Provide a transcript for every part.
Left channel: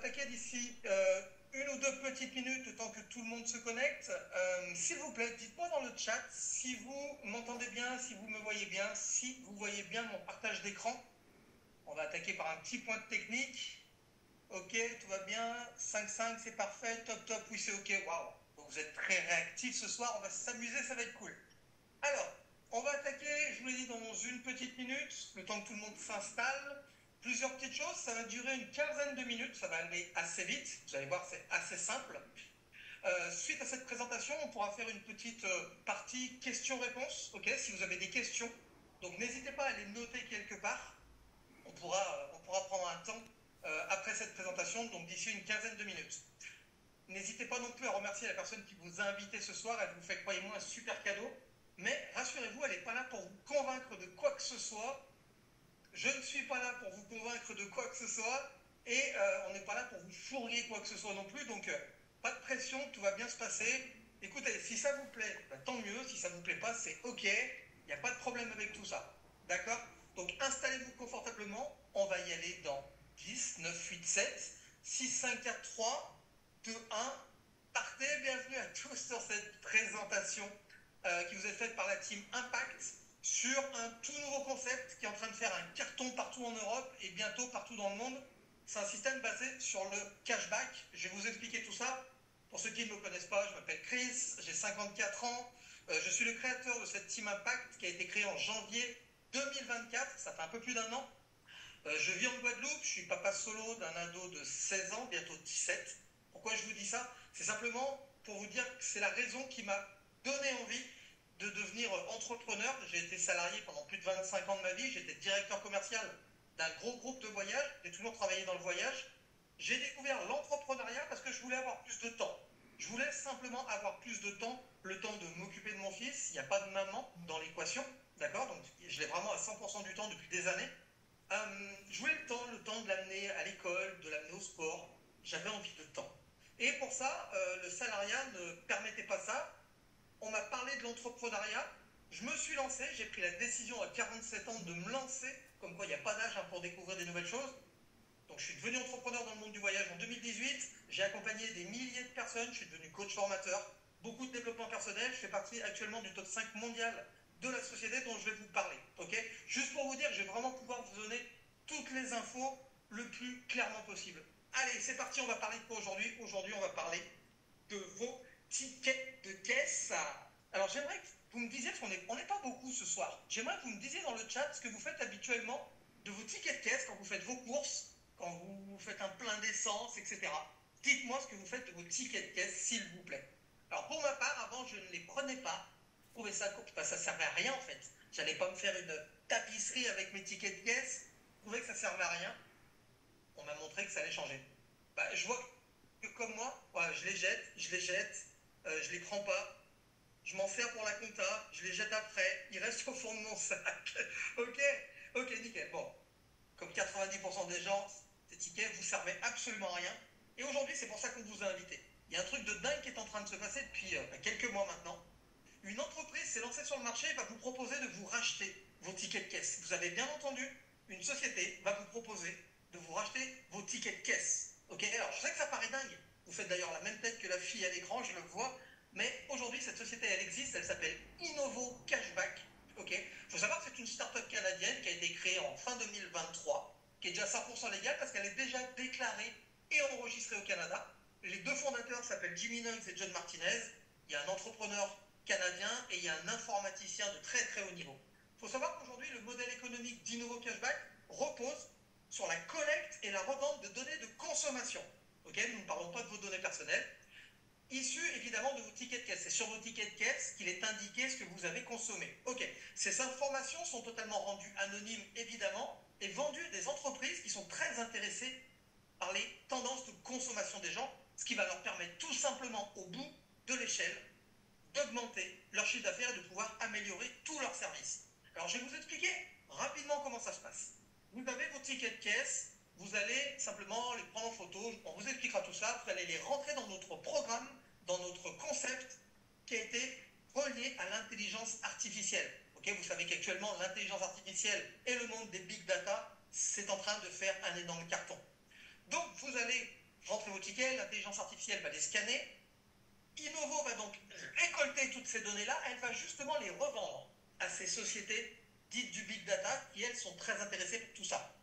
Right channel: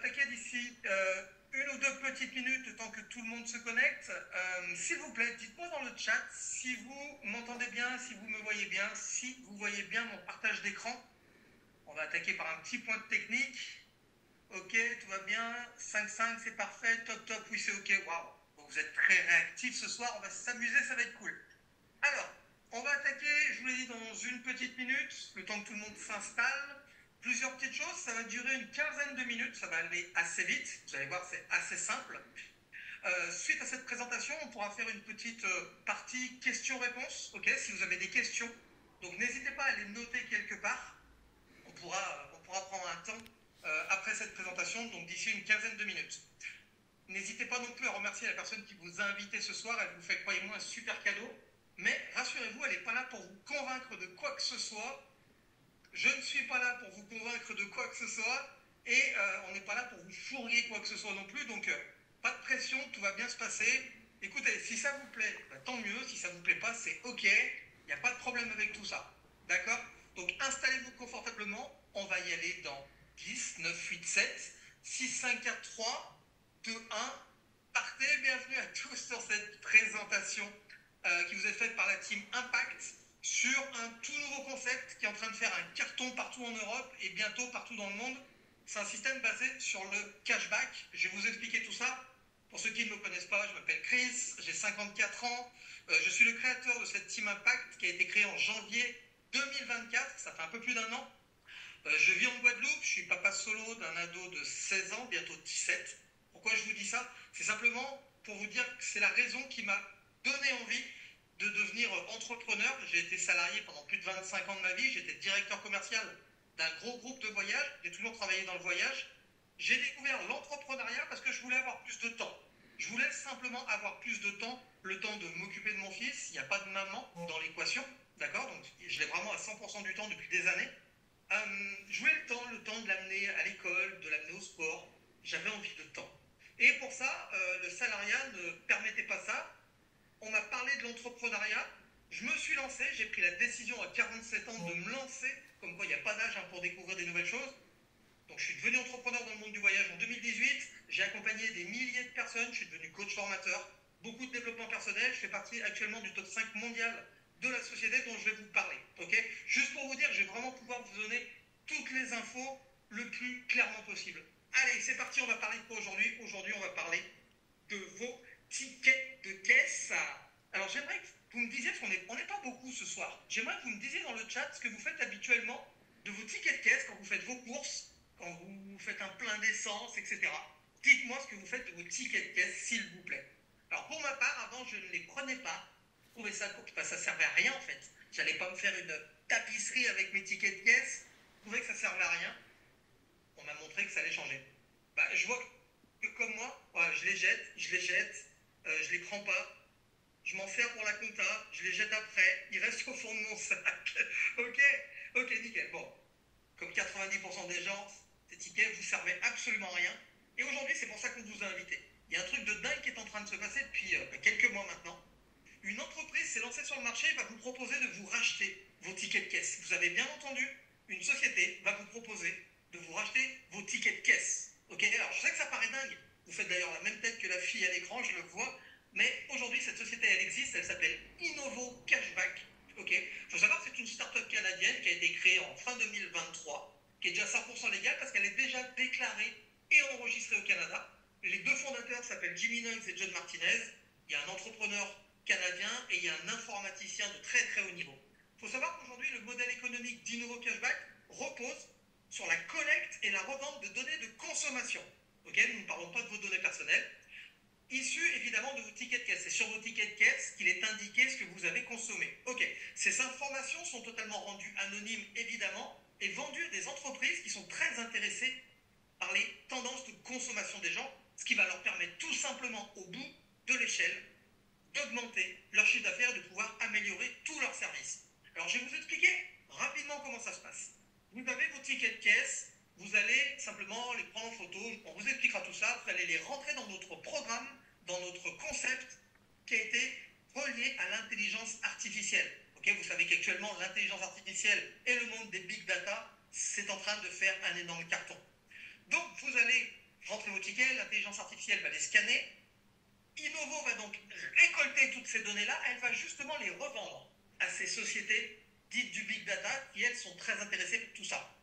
attaquer d'ici une ou deux petites minutes, le temps que tout le monde se connecte. S'il vous plaît, dites-moi dans le chat si vous m'entendez bien, si vous me voyez bien, si vous voyez bien mon partage d'écran. On va attaquer par un petit point de technique. Ok, tout va bien. 5-5, c'est parfait. Top, top, oui, c'est ok. Waouh, vous êtes très réactifs ce soir. On va s'amuser, ça va être cool. Alors, on va attaquer, je vous l'ai dit, dans une petite minute, le temps que tout le monde s'installe. Plusieurs petites choses, ça va durer une quinzaine de minutes, ça va aller assez vite. Vous allez voir, c'est assez simple. Suite à cette présentation, on pourra faire une petite partie questions-réponses, ok, si vous avez des questions. Donc n'hésitez pas à les noter quelque part. On pourra prendre un temps après cette présentation, donc d'ici une quinzaine de minutes. N'hésitez pas non plus à remercier la personne qui vous a invité ce soir. Elle vous fait, croyez-moi, un super cadeau. Mais rassurez-vous, elle n'est pas là pour vous convaincre de quoi que ce soit. Je ne suis pas là pour vous convaincre de quoi que ce soit. Et on n'est pas là pour vous fourguer quoi que ce soit non plus. Donc, pas de pression, tout va bien se passer. Écoutez, si ça vous plaît, bah, tant mieux. Si ça ne vous plaît pas, c'est OK. Il n'y a pas de problème avec tout ça. D'accord? Donc, installez-vous confortablement. On va y aller dans 10, 9, 8, 7, 6, 5, 4, 3, 2, 1. Partez. Bienvenue à tous sur cette présentation qui vous est faite par la team Impact sur un tout nouveau concept qui est en train de faire un carton partout en Europe et bientôt partout dans le monde. C'est un système basé sur le cashback. Je vais vous expliquer tout ça. Pour ceux qui ne me connaissent pas, je m'appelle Chris, j'ai 54 ans. Je suis le créateur de cette team Impact qui a été créée en janvier 2024. Ça fait un peu plus d'un an. Je vis en Guadeloupe. Je suis papa solo d'un ado de 16 ans, bientôt 17. Pourquoi je vous dis ça? C'est simplement pour vous dire que c'est la raison qui m'a donné envie de devenir entrepreneur. J'ai été salarié pendant plus de 25 ans de ma vie. J'étais directeur commercial d'un gros groupe de voyage. J'ai toujours travaillé dans le voyage. J'ai découvert l'entrepreneuriat parce que je voulais avoir plus de temps. Je voulais simplement avoir plus de temps, le temps de m'occuper de mon fils. Il n'y a pas de maman dans l'équation, d'accord? Donc je l'ai vraiment à 100% du temps depuis des années. Je voulais le temps de l'amener à l'école, de l'amener au sport. J'avais envie de temps. Et pour ça, le salariat ne permettait pas ça. On m'a parlé de l'entrepreneuriat. Je me suis lancé. J'ai pris la décision à 47 ans de me lancer. Comme quoi, il n'y a pas d'âge pour découvrir des nouvelles choses. Donc, je suis devenu entrepreneur dans le monde du voyage en 2018. J'ai accompagné des milliers de personnes. Je suis devenu coach formateur. Beaucoup de développement personnel. Je fais partie actuellement du top 5 mondial de la société dont je vais vous parler. Okay, juste pour vous dire, je vais vraiment pouvoir vous donner toutes les infos le plus clairement possible. Allez, c'est parti. On va parler de quoi aujourd'hui? Aujourd'hui, on va parler de vos tickets de caisse. Alors, j'aimerais que vous me disiez, parce qu'on n'est pas beaucoup ce soir, j'aimerais que vous me disiez dans le chat ce que vous faites habituellement de vos tickets de caisse quand vous faites vos courses, quand vous faites un plein d'essence, etc. Dites-moi ce que vous faites de vos tickets de caisse, s'il vous plaît. Alors, pour ma part, avant, je ne les prenais pas. Je trouvais ça cool, parce que ça servait à rien, en fait. J'allais pas me faire une tapisserie avec mes tickets de caisse. Je trouvais que ça servait à rien. On m'a montré que ça allait changer. Bah, je vois que comme moi, ouais, je les jette, je les prends pas, je m'en sers pour la compta, je les jette après, ils restent au fond de mon sac. Ok, nickel. Bon, comme 90% des gens, ces tickets vous servaient absolument à rien. Et aujourd'hui, c'est pour ça qu'on vous a invité. Il y a un truc de dingue qui est en train de se passer depuis quelques mois maintenant. Une entreprise s'est lancée sur le marché et va vous proposer de vous racheter vos tickets de caisse. Vous avez bien entendu, une société va vous proposer de vous racheter vos tickets de caisse. Ok, alors je sais que ça paraît dingue. Vous faites d'ailleurs la même tête que la fille à l'écran, je le vois. Mais aujourd'hui, cette société, elle existe, elle s'appelle Innovo Cashback. Ok, il faut savoir que c'est une start-up canadienne qui a été créée en fin 2023, qui est déjà 100% légale parce qu'elle est déjà déclarée et enregistrée au Canada. Les deux fondateurs s'appellent Jimmy Nunns et John Martinez. Il y a un entrepreneur canadien et il y a un informaticien de très très haut niveau. Il faut savoir qu'aujourd'hui, le modèle économique d'Innovo Cashback repose sur la collecte et la revente de données de consommation. Okay, nous ne parlons pas de vos données personnelles, issues évidemment de vos tickets de caisse. C'est sur vos tickets de caisse qu'il est indiqué ce que vous avez consommé. Ok, ces informations sont totalement rendues anonymes évidemment et vendues à des entreprises qui sont très intéressées par les tendances de consommation des gens, ce qui va leur permettre tout simplement au bout de l'échelle d'augmenter leur chiffre d'affaires et de pouvoir améliorer tous leurs services. Alors je vais vous expliquer rapidement comment ça se passe. Vous avez vos tickets de caisse, vous allez simplement les prendre en photo, on vous expliquera tout ça, vous allez les rentrer dans notre programme, dans notre concept qui a été relié à l'intelligence artificielle. Okay, vous savez qu'actuellement l'intelligence artificielle et le monde des big data, c'est en train de faire un énorme carton. Donc vous allez rentrez vos tickets, l'intelligence artificielle va les scanner. Innovo va donc récolter toutes ces données-là, elle va justement les revendre à ces sociétés dites du big data qui, elles, sont très intéressées par tout ça.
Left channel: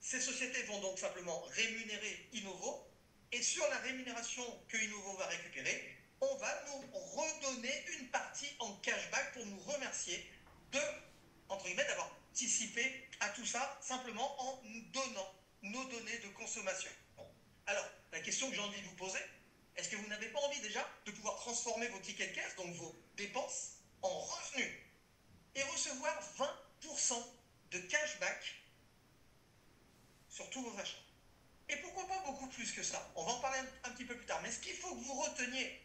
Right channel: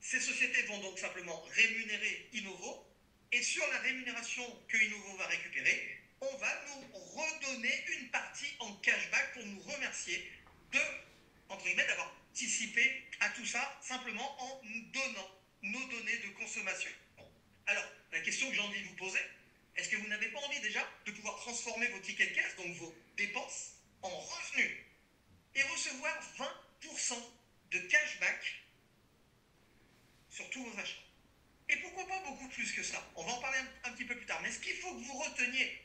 Ces sociétés vont donc simplement rémunérer Innovo, et sur la rémunération que Innovo va récupérer, on va nous redonner une partie en cashback pour nous remercier de, entre guillemets, d'avoir participé à tout ça simplement en nous donnant nos données de consommation. Bon. Alors, la question que j'ai envie de vous poser, est-ce que vous n'avez pas envie déjà de pouvoir transformer vos tickets de caisse, donc vos dépenses, en revenus et recevoir 20% de cashback sur tous vos achats? Et pourquoi pas beaucoup plus que ça? On va en parler un petit peu plus tard. Mais ce qu'il faut que vous reteniez,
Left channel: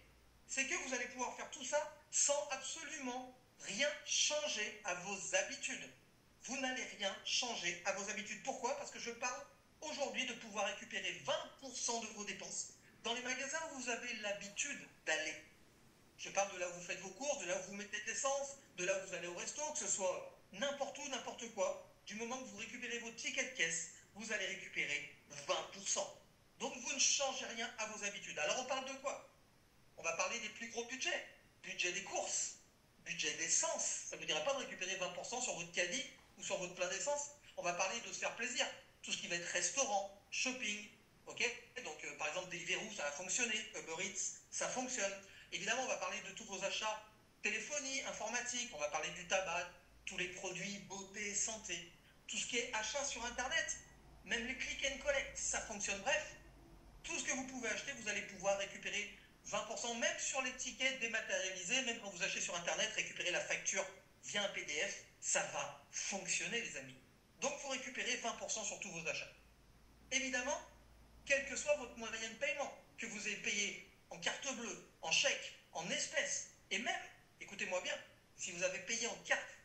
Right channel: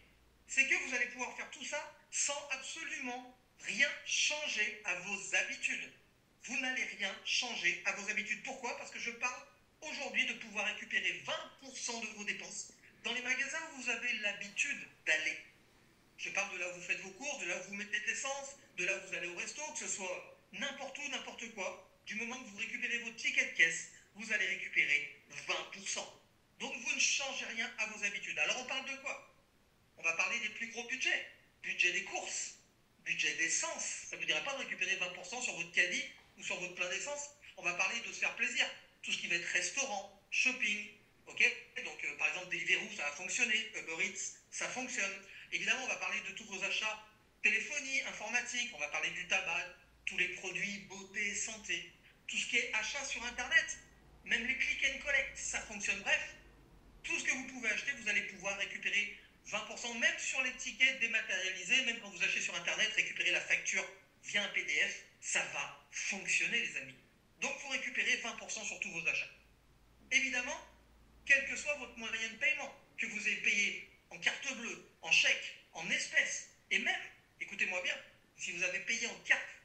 c'est que vous allez pouvoir faire tout ça sans absolument rien changer à vos habitudes. Vous n'allez rien changer à vos habitudes. Pourquoi? Parce que je parle aujourd'hui de pouvoir récupérer 20% de vos dépenses dans les magasins où vous avez l'habitude d'aller. Je parle de là où vous faites vos courses, de là où vous mettez de l'essence, de là où vous allez au resto, que ce soit n'importe où, n'importe quoi. Du moment que vous récupérez vos tickets de caisse, vous allez récupérer 20%. Donc vous ne changez rien à vos habitudes. Alors on parle de quoi? On va parler des plus gros budgets. Budget des courses, budget d'essence. Ça ne vous dirait pas de récupérer 20% sur votre caddie ou sur votre plein d'essence. On va parler de se faire plaisir. Tout ce qui va être restaurant, shopping. Ok? Donc par exemple Deliveroo, ça va fonctionner. Uber Eats, ça fonctionne. Évidemment, on va parler de tous vos achats téléphonie, informatique. On va parler du tabac, tous les produits beauté, santé. Tout ce qui est achat sur Internet. Même les click and collect, ça fonctionne. Bref, tout ce que vous pouvez acheter, vous allez pouvoir récupérer 20%, même sur les tickets dématérialisés, même quand vous achetez sur Internet, récupérer la facture via un PDF, ça va fonctionner, les amis. Donc, il faut récupérer 20% sur tous vos achats. Évidemment, quel que soit votre moyen de paiement, que vous ayez payé en carte bleue, en chèque, en espèces, et même, écoutez-moi bien, si vous avez payé en carte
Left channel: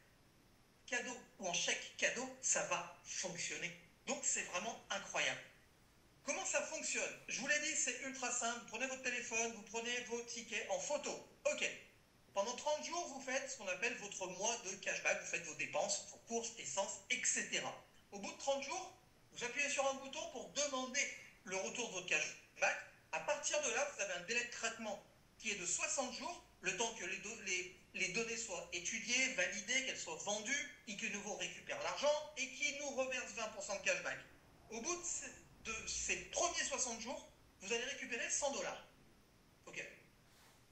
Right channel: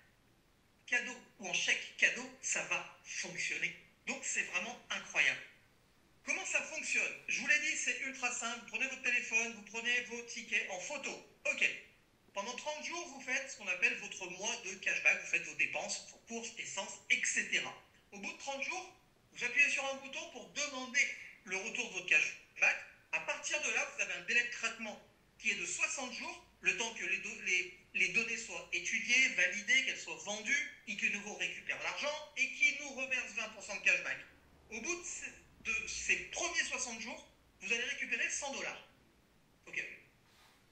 cadeau ou en chèque cadeau, ça va fonctionner. Donc, c'est vraiment incroyable. Comment ça fonctionne? Je vous l'ai dit, c'est ultra simple. Vous prenez votre téléphone, vous prenez vos tickets en photo. Ok. Pendant 30 jours, vous faites ce qu'on appelle votre mois de cashback. Vous faites vos dépenses, vos courses, essence, etc. Au bout de 30 jours, vous appuyez sur un bouton pour demander le retour de votre cashback. À partir de là, vous avez un délai de traitement qui est de 60 jours, le temps que les données soient étudiées, validées, qu'elles soient vendues, et que Innovo récupère l'argent et qui nous reverse 20% de cashback. Au bout de ces premiers 60 jours, vous allez récupérer 100 $. Ok.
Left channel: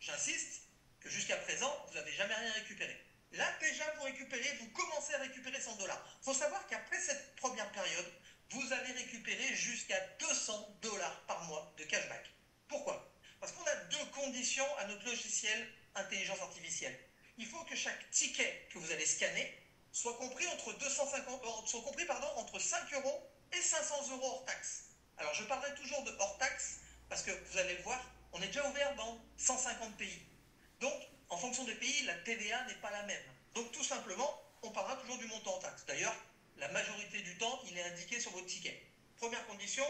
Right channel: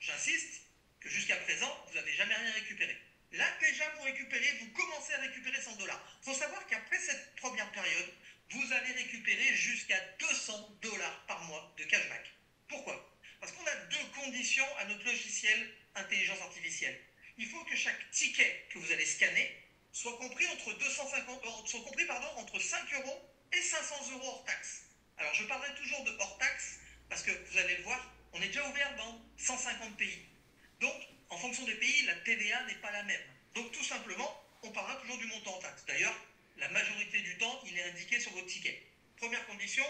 J'insiste que jusqu'à présent, vous n'avez jamais rien récupéré. Là, déjà, vous commencez à récupérer 100 $. Il faut savoir qu'après cette première période, vous allez récupérer jusqu'à 200 $ par mois de cashback. Pourquoi? Parce qu'on a deux conditions à notre logiciel intelligence artificielle. Il faut que chaque ticket que vous allez scanner soit compris entre 5 € et 500 € hors taxe. Alors je parlerai toujours de hors taxe parce que vous allez le voir, on est déjà ouvert dans 150 pays. Donc, en fonction des pays, la TVA n'est pas la même. Donc tout simplement, on parlera toujours du montant en taxe. D'ailleurs, la majorité du temps, il est indiqué sur votre ticket. Première condition,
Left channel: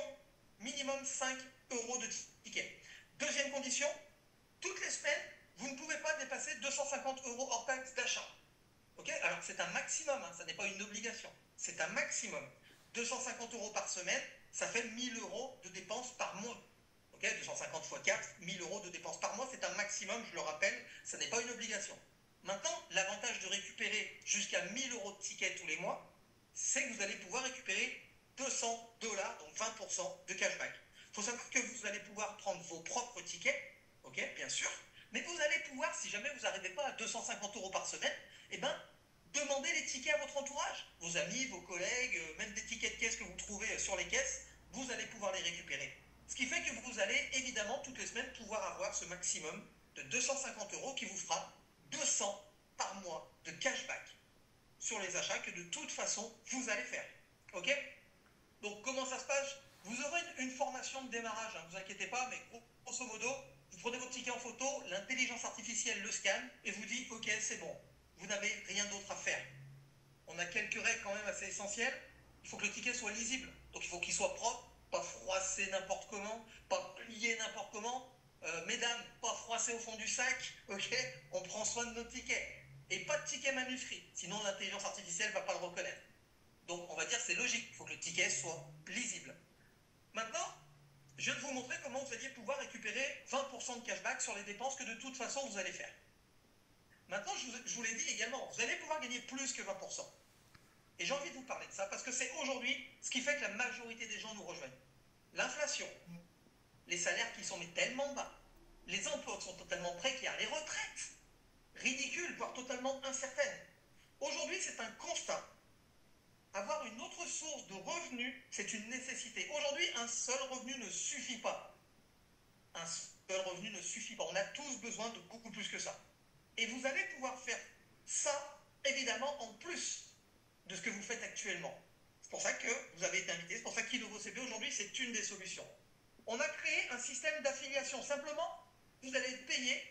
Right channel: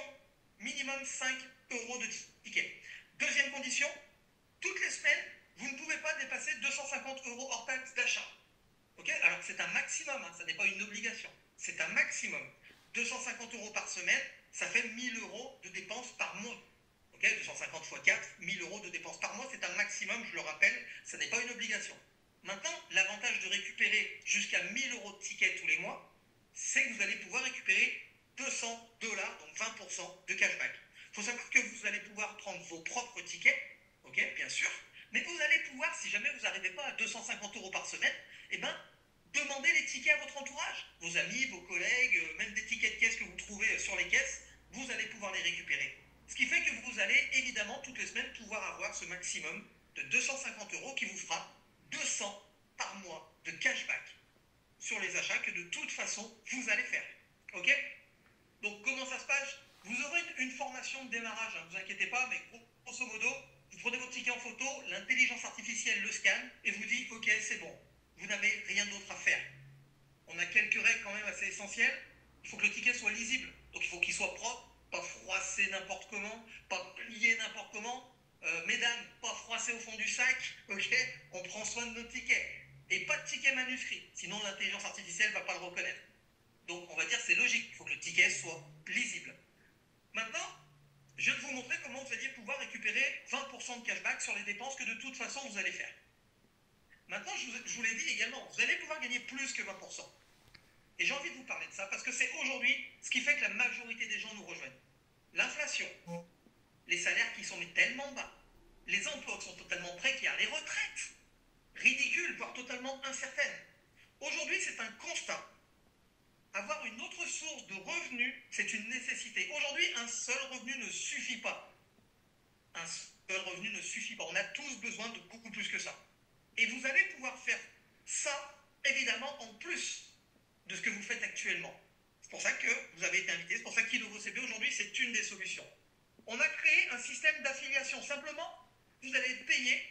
minimum 5 € de ticket. Deuxième condition, toutes les semaines, vous ne pouvez pas dépasser 250 € hors taxe d'achat. Ok? Alors c'est un maximum, ça n'est pas une obligation. C'est un maximum. 250 € par semaine, ça fait 1000 € de dépenses par mois. Ok? 250 x 4, 1000 € de dépenses par mois, c'est un maximum, je le rappelle, ça n'est pas une obligation. Maintenant, l'avantage de récupérer jusqu'à 1000 € de tickets tous les mois, c'est que vous allez pouvoir récupérer 200 $, donc 20% de cashback. Il faut savoir que vous allez pouvoir prendre vos propres tickets, ok, bien sûr, mais vous allez pouvoir, si jamais vous n'arrivez pas à 250 € par semaine, eh ben, demandez les tickets à votre entourage, vos amis, vos collègues, même des tickets de caisse que vous trouvez sur les caisses, vous allez pouvoir les récupérer. Ce qui fait que vous allez évidemment toutes les semaines pouvoir avoir ce maximum de 250 € qui vous fera 200 par mois de cashback sur les achats que de toute façon vous allez faire. Ok? Donc comment ça se passe? Vous aurez une formation de démarrage, ne vous inquiétez pas, mais grosso modo, vous prenez votre ticket en photo, l'intelligence artificielle le scanne et vous dit ok, c'est bon, vous n'avez rien d'autre à faire. On a quelques règles quand même assez essentielles. Il faut que le ticket soit lisible, donc il faut qu'il soit propre, pas froissé n'importe comment, pas plié n'importe comment. Mesdames, pas froissé au fond du sac, ok? On prend soin de nos tickets. Et pas de ticket manuscrit, sinon l'intelligence artificielle ne va pas le reconnaître. Donc on va dire c'est logique, il faut que le ticket soit lisible. Maintenant, je vais vous montrer montrer comment vous alliez pouvoir récupérer 20% de cashback sur les dépenses que de toute façon vous allez faire. Maintenant, je vous l'ai dit également, vous allez pouvoir gagner plus que 20%. Et j'ai envie de vous parler de ça parce que c'est aujourd'hui ce qui fait que la majorité des gens nous rejoignent. L'inflation, les salaires qui sont tellement bas, les emplois qui sont totalement précaires, les retraites ridicules, voire totalement incertaines. Aujourd'hui, c'est un constat. Avoir une autre source de revenus, c'est une nécessité. Aujourd'hui, un seul revenu ne suffit pas. Un seul revenu ne suffit pas. On a tous besoin de beaucoup plus que ça. Et vous allez pouvoir faire ça, évidemment, en plus de ce que vous faites actuellement. C'est pour ça que vous avez été invité. C'est pour ça qu'InnovoCB, aujourd'hui, c'est une des solutions. On a créé un système d'affiliation. Simplement, vous allez être payé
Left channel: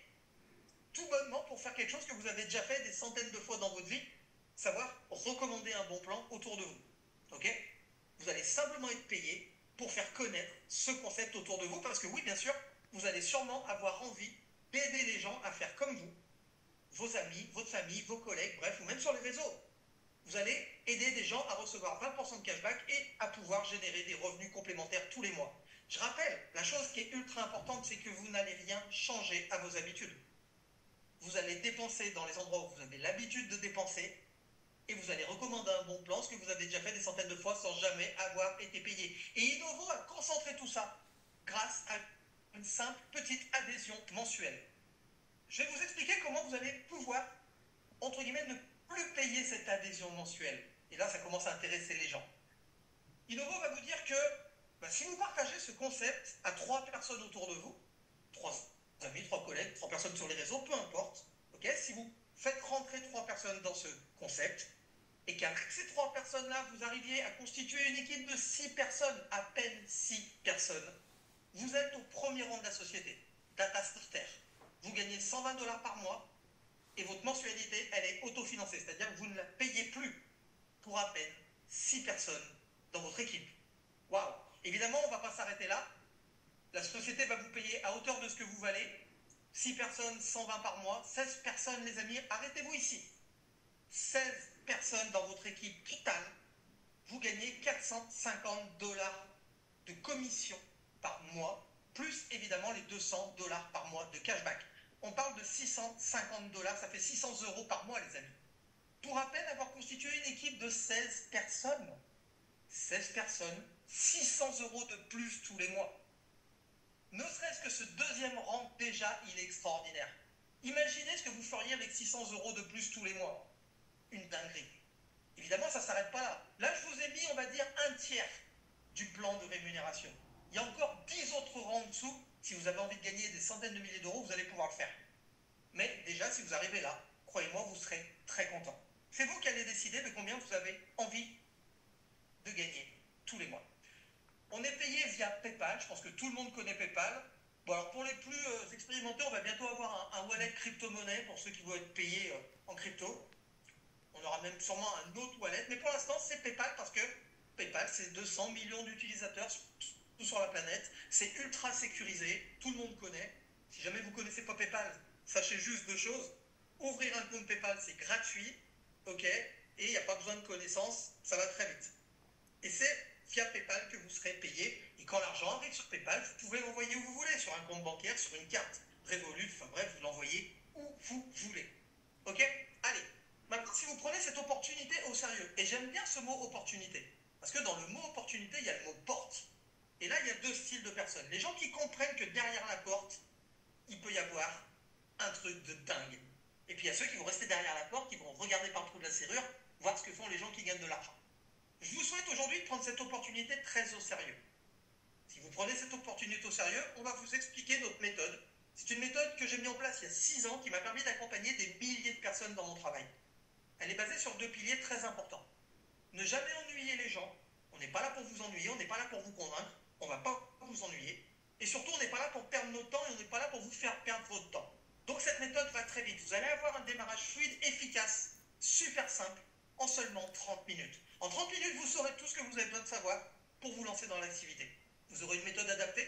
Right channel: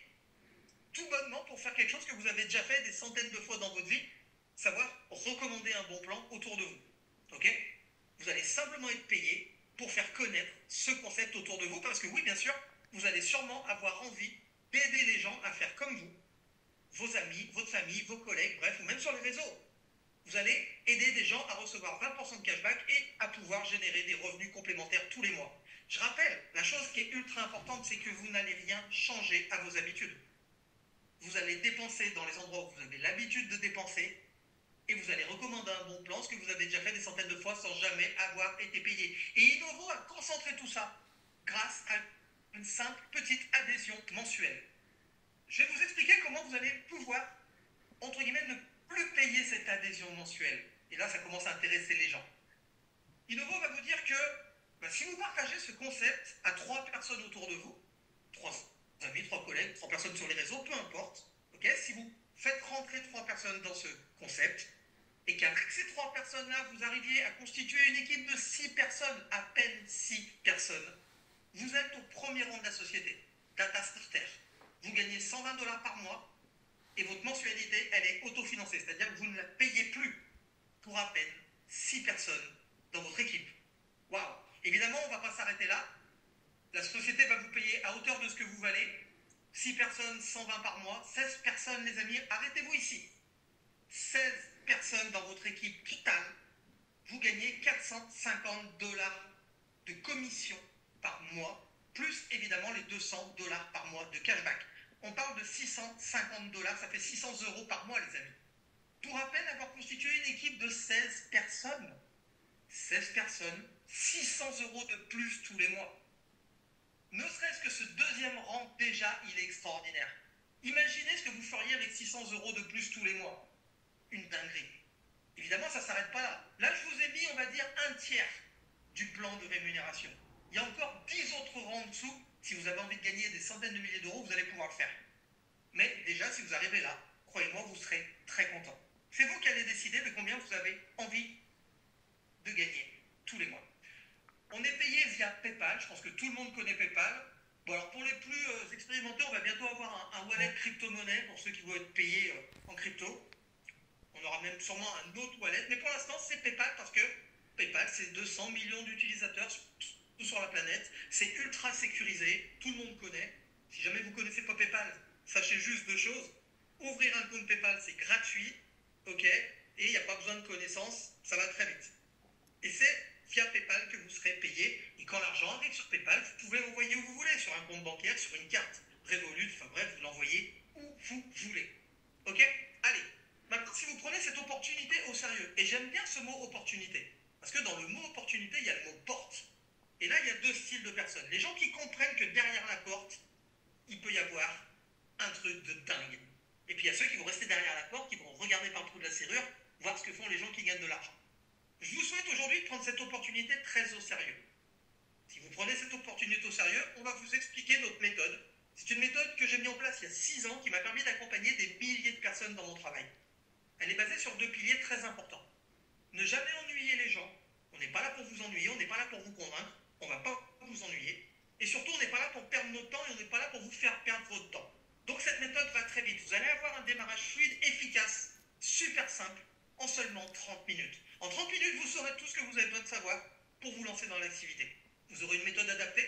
tout bonnement pour faire quelque chose que vous avez déjà fait des centaines de fois dans votre vie, savoir recommander un bon plan autour de vous. Ok ? Vous allez simplement être payé pour faire connaître ce concept autour de vous, parce que oui, bien sûr, vous allez sûrement avoir envie d'aider les gens à faire comme vous, vos amis, votre famille, vos collègues, bref, ou même sur les réseaux. Vous allez aider des gens à recevoir 20% de cashback et à pouvoir générer des revenus complémentaires tous les mois. Je rappelle, la chose qui est ultra importante, c'est que vous n'allez rien changer à vos habitudes. Vous allez dépenser dans les endroits où vous avez l'habitude de dépenser et vous allez recommander un bon plan, ce que vous avez déjà fait des centaines de fois sans jamais avoir été payé. Et Innovo a concentré tout ça grâce à une simple petite adhésion mensuelle. Je vais vous expliquer comment vous allez pouvoir, entre guillemets, ne plus payer cette adhésion mensuelle. Et là, ça commence à intéresser les gens. Innovo va vous dire que si vous partagez ce concept à 3 personnes autour de vous, 3 amis, 3 collègues, 3 personnes sur les réseaux, peu importe, okay, si vous faites rentrer 3 personnes dans ce concept, et qu'avec ces 3 personnes-là, vous arriviez à constituer une équipe de 6 personnes, à peine 6 personnes, vous êtes au premier rang de la société, Data Starter. Vous gagnez 120 $ par mois, et votre mensualité, elle est autofinancée, c'est-à-dire que vous ne la payez plus pour à peine 6 personnes dans votre équipe. Waouh! Évidemment, on ne va pas s'arrêter là. La société va vous payer à hauteur de ce que vous valez. 6 personnes, 120 par mois. 16 personnes, les amis, arrêtez-vous ici. 16 personnes dans votre équipe totale, vous gagnez 450 $ de commission par mois, plus évidemment les 200 $ par mois de cashback. On parle de 650 $, ça fait 600 € par mois, les amis. Pour à peine avoir constitué une équipe de 16 personnes. 16 personnes, 600 € de plus tous les mois. Ne serait-ce que ce deuxième rang, déjà, il est extraordinaire. Imaginez ce que vous feriez avec 600 € de plus tous les mois. Une dinguerie. Évidemment, ça ne s'arrête pas là. Là, je vous ai mis, on va dire, un tiers du plan de rémunération. Il y a encore 10 autres rangs en dessous. Si vous avez envie de gagner des centaines de milliers d'euros, vous allez pouvoir le faire. Mais déjà, si vous arrivez là, croyez-moi, vous serez très content. C'est vous qui allez décider de combien vous avez envie de gagner tous les mois. On est payé via PayPal, je pense que tout le monde connaît PayPal. Bon, alors pour les plus expérimentés, on va bientôt avoir un wallet crypto-monnaie pour ceux qui vont être payés en crypto. On aura même sûrement un autre wallet, mais pour l'instant, c'est PayPal parce que PayPal, c'est 200 millions d'utilisateurs sur la planète. C'est ultra sécurisé, tout le monde connaît. Si jamais vous ne connaissez pas PayPal, sachez juste 2 choses. Ouvrir un compte PayPal, c'est gratuit, ok, et il n'y a pas besoin de connaissances, ça va très vite. Et c'est via PayPal que vous serez payé. Et quand l'argent arrive sur PayPal, vous pouvez l'envoyer où vous voulez, sur un compte bancaire, sur une carte Revolut, enfin bref, vous l'envoyez où vous voulez. Ok? Allez, maintenant si vous prenez cette opportunité au sérieux, et j'aime bien ce mot opportunité, parce que dans le mot opportunité, il y a le mot porte. Et là, il y a 2 styles de personnes. Les gens qui comprennent que derrière la porte, il peut y avoir un truc de dingue. Et puis il y a ceux qui vont rester derrière la porte, qui vont regarder par le trou de la serrure, voir ce que font les gens qui gagnent de l'argent. Je vous souhaite aujourd'hui de prendre cette opportunité très au sérieux. Si vous prenez cette opportunité au sérieux, on va vous expliquer notre méthode. C'est une méthode que j'ai mise en place il y a 6 ans qui m'a permis d'accompagner des milliers de personnes dans mon travail. Elle est basée sur 2 piliers très importants. Ne jamais ennuyer les gens. On n'est pas là pour vous ennuyer, on n'est pas là pour vous convaincre, on ne va pas vous ennuyer. Et surtout, on n'est pas là pour perdre notre temps et on n'est pas là pour vous faire perdre votre temps. Donc cette méthode va très vite. Vous allez avoir un démarrage fluide, efficace, super simple, en seulement 30 minutes. En 30 minutes, vous saurez tout ce que vous avez besoin de savoir pour vous lancer dans l'activité. Vous aurez une méthode adaptée,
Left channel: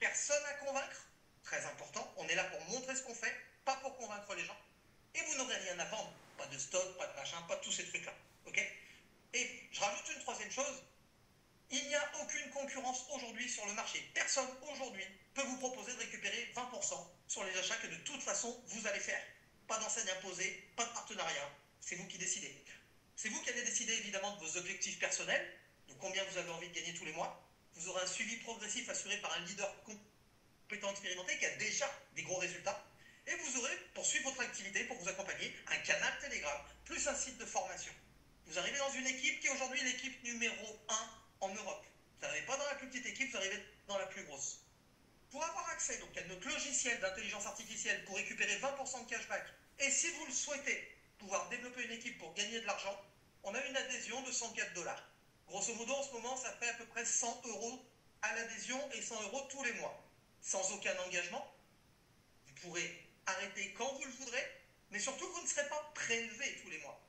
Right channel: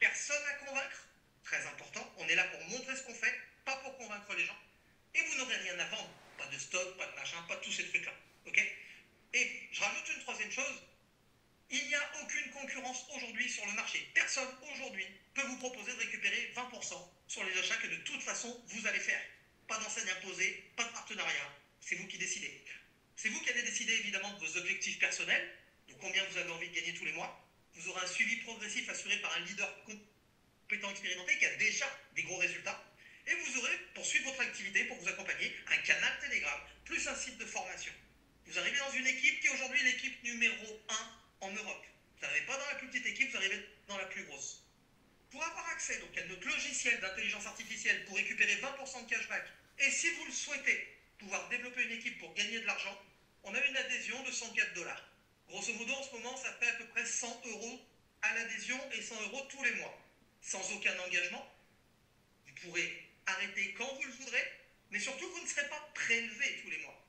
personne à convaincre, très important. On est là pour montrer ce qu'on fait, pas pour convaincre les gens. Et vous n'aurez rien à vendre. Pas de stock, pas de machin, pas de tous ces trucs-là. Ok? Et je rajoute une troisième chose. Il n'y a aucune concurrence aujourd'hui sur le marché. Personne aujourd'hui peut vous proposer de récupérer 20% sur les achats que de toute façon vous allez faire. Pas d'enseigne imposée, pas de partenariat. C'est vous qui décidez. C'est vous qui allez décider évidemment de vos objectifs personnels, de combien vous avez envie de gagner tous les mois. Vous aurez un suivi progressif assuré par un leader compétent expérimenté qui a déjà des gros résultats. Et vous aurez, pour suivre votre activité, pour vous accompagner, un canal Telegram, plus un site de formation. Vous arrivez dans une équipe qui est aujourd'hui l'équipe numéro 1 en Europe. Vous n'arrivez pas dans la plus petite équipe, vous arrivez dans la plus grosse. Pour avoir accès donc, à notre logiciel d'intelligence artificielle pour récupérer 20% de cashback, et si vous le souhaitez, pouvoir développer une équipe pour gagner de l'argent, on a une adhésion de 104 $. Grosso modo, en ce moment, ça fait à peu près 100 € à l'adhésion et 100 € tous les mois. Sans aucun engagement. Vous pourrez arrêter quand vous le voudrez, mais surtout, vous ne serez pas prélevé tous les mois.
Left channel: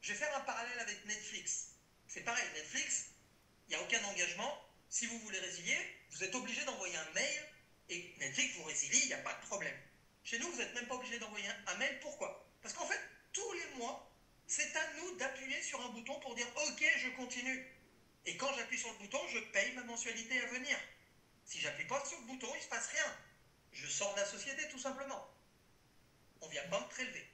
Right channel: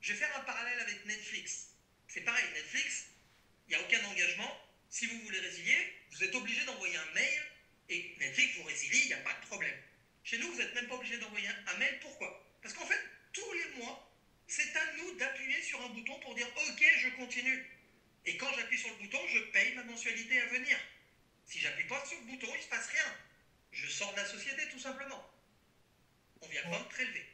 Je vais faire un parallèle avec Netflix. C'est pareil, Netflix, il n'y a aucun engagement. Si vous voulez résilier, vous êtes obligé d'envoyer un mail et Netflix vous résilie, il n'y a pas de problème. Chez nous, vous n'êtes même pas obligé d'envoyer un mail. Pourquoi? Parce qu'en fait, tous les mois, c'est à nous d'appuyer sur un bouton pour dire « Ok, je continue ». Et quand j'appuie sur le bouton, je paye ma mensualité à venir. Si j'appuie pas sur le bouton, il ne se passe rien. Je sors de la société tout simplement. On ne vient pas me prélever.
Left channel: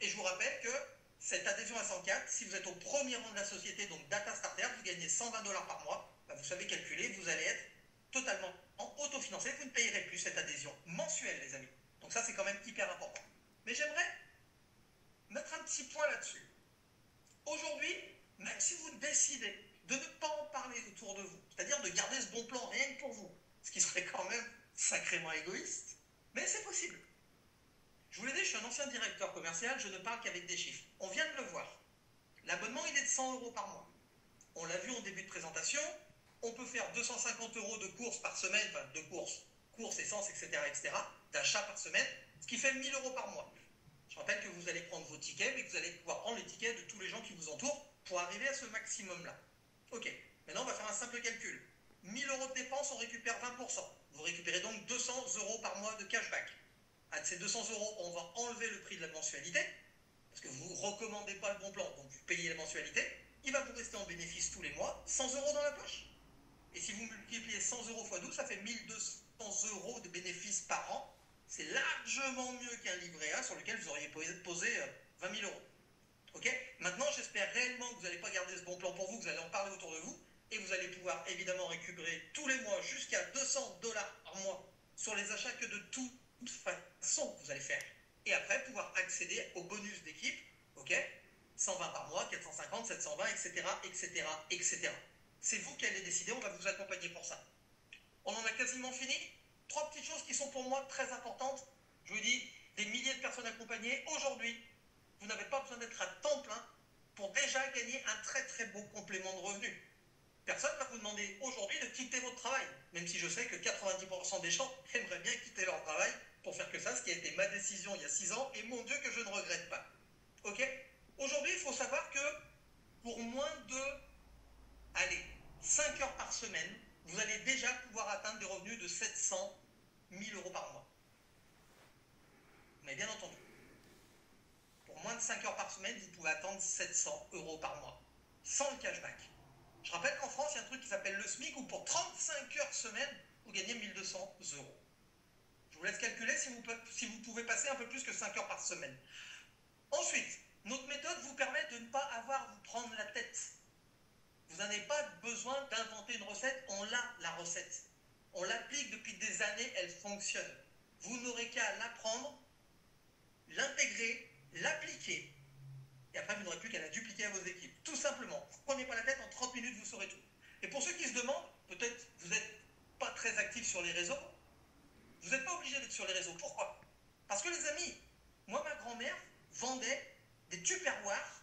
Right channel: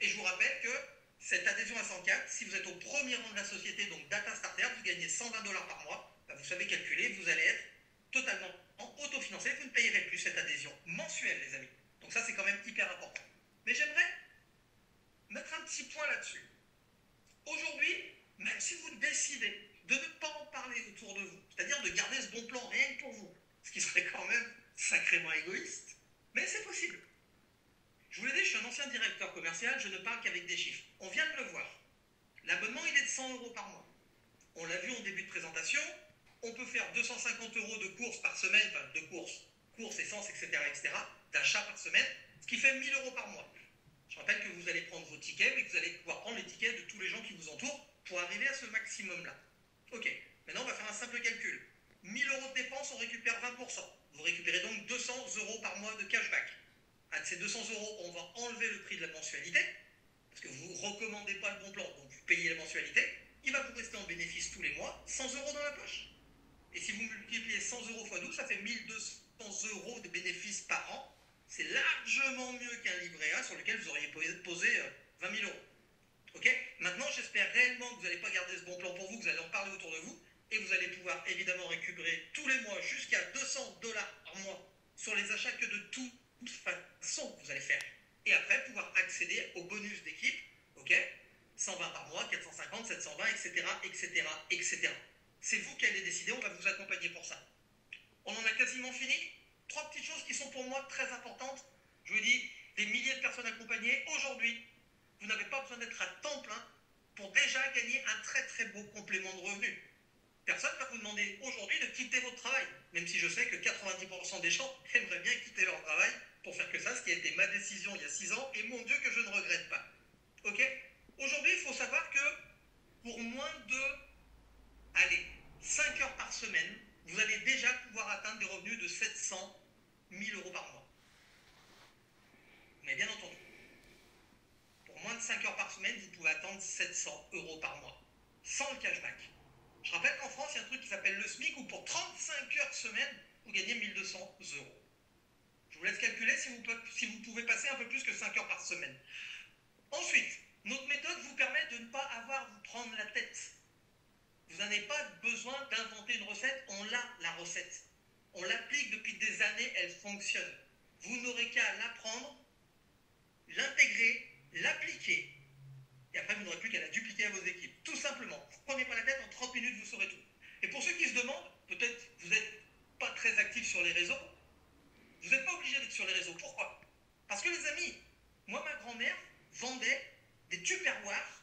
Et je vous rappelle que cette adhésion à 104, si vous êtes au premier rang de la société, donc Data Starter, vous gagnez 120 $ par mois, bah vous savez calculer, vous allez être totalement autofinancé, vous ne payerez plus cette adhésion mensuelle, les amis. Donc ça, c'est quand même hyper important. Mais j'aimerais mettre un petit point là-dessus. Aujourd'hui, même si vous décidez de ne pas en parler autour de vous, c'est-à-dire de garder ce bon plan rien que pour vous, ce qui serait quand même sacrément égoïste, mais c'est possible. Je vous l'ai dit, je suis un ancien directeur commercial, je ne parle qu'avec des chiffres. On vient de le voir. L'abonnement, il est de 100 € par mois. On l'a vu en début de présentation, on peut faire 250 € de courses par semaine, enfin de courses, essence, etc., d'achat par semaine, ce qui fait 1000 € par mois. Je rappelle que vous allez prendre vos tickets, mais que vous allez pouvoir prendre les tickets de tous les gens qui vous entourent pour arriver à ce maximum-là. Ok, maintenant on va faire un simple calcul. 1000 € de dépenses, on récupère 20%. Vous récupérez donc 200 € par mois de cashback. À ces 200 €, on va enlever le prix de la mensualité, parce que vous ne recommandez pas le bon plan, donc vous payez la mensualité. Il va vous rester en bénéfice tous les mois 100 € dans la poche. Et si vous multipliez 100 € x 12, ça fait 1200 € de bénéfices par an. C'est largement mieux qu'un livret A sur lequel vous auriez posé 20 000 €. Ok? Maintenant, j'espère réellement que vous n'allez pas garder ce bon plan pour vous, que vous allez en parler autour de vous, et vous allez pouvoir évidemment récupérer tous les mois jusqu'à 200 $ par mois sur les achats que de toute façon vous allez faire. Et après, pouvoir accéder au bonus d'équipe, ok? 120 par mois, 450, 720, etc., etc., etc. C'est vous qui allez décider, on va vous accompagner pour ça. On en a quasiment fini. 3 petites choses qui sont pour moi très importantes. Je vous dis, des milliers de personnes accompagnées. Aujourd'hui, vous n'avez pas besoin d'être à temps plein pour déjà gagner un très très beau complément de revenus. Personne ne va vous demander aujourd'hui de quitter votre travail, même si je sais que 90% des gens aimeraient bien quitter leur travail pour faire que ça, ce qui a été ma décision il y a 6 ans, et mon Dieu que je ne regrette pas. Ok? Aujourd'hui, il faut savoir que pour moins de, allez, 5 heures par semaine, vous allez déjà pouvoir atteindre des revenus de 700 000 € par mois. Mais bien entendu, pour moins de 5 heures par semaine, vous pouvez attendre 700 € par mois, sans le cashback. Je rappelle qu'en France, il y a un truc qui s'appelle le SMIC, où pour 35 heures semaine, vous gagnez 1200 €. Je vous laisse calculer si vous pouvez passer un peu plus que 5 heures par semaine. Ensuite, notre méthode vous permet de ne pas avoir à vous prendre la tête. Vous n'avez pas besoin d'inventer une recette, on l'a, la recette. On l'applique depuis des années, elle fonctionne. Vous n'aurez qu'à l'apprendre, l'intégrer, l'appliquer, et après vous n'aurez plus qu'à la dupliquer à vos équipes. Tout simplement, vous ne prenez pas la tête, en 30 minutes vous saurez tout. Et pour ceux qui se demandent, peut-être vous n'êtes pas très actifs sur les réseaux, vous n'êtes pas obligé d'être sur les réseaux. Pourquoi? Parce que les amis, moi ma grand-mère vendait des tupperwares,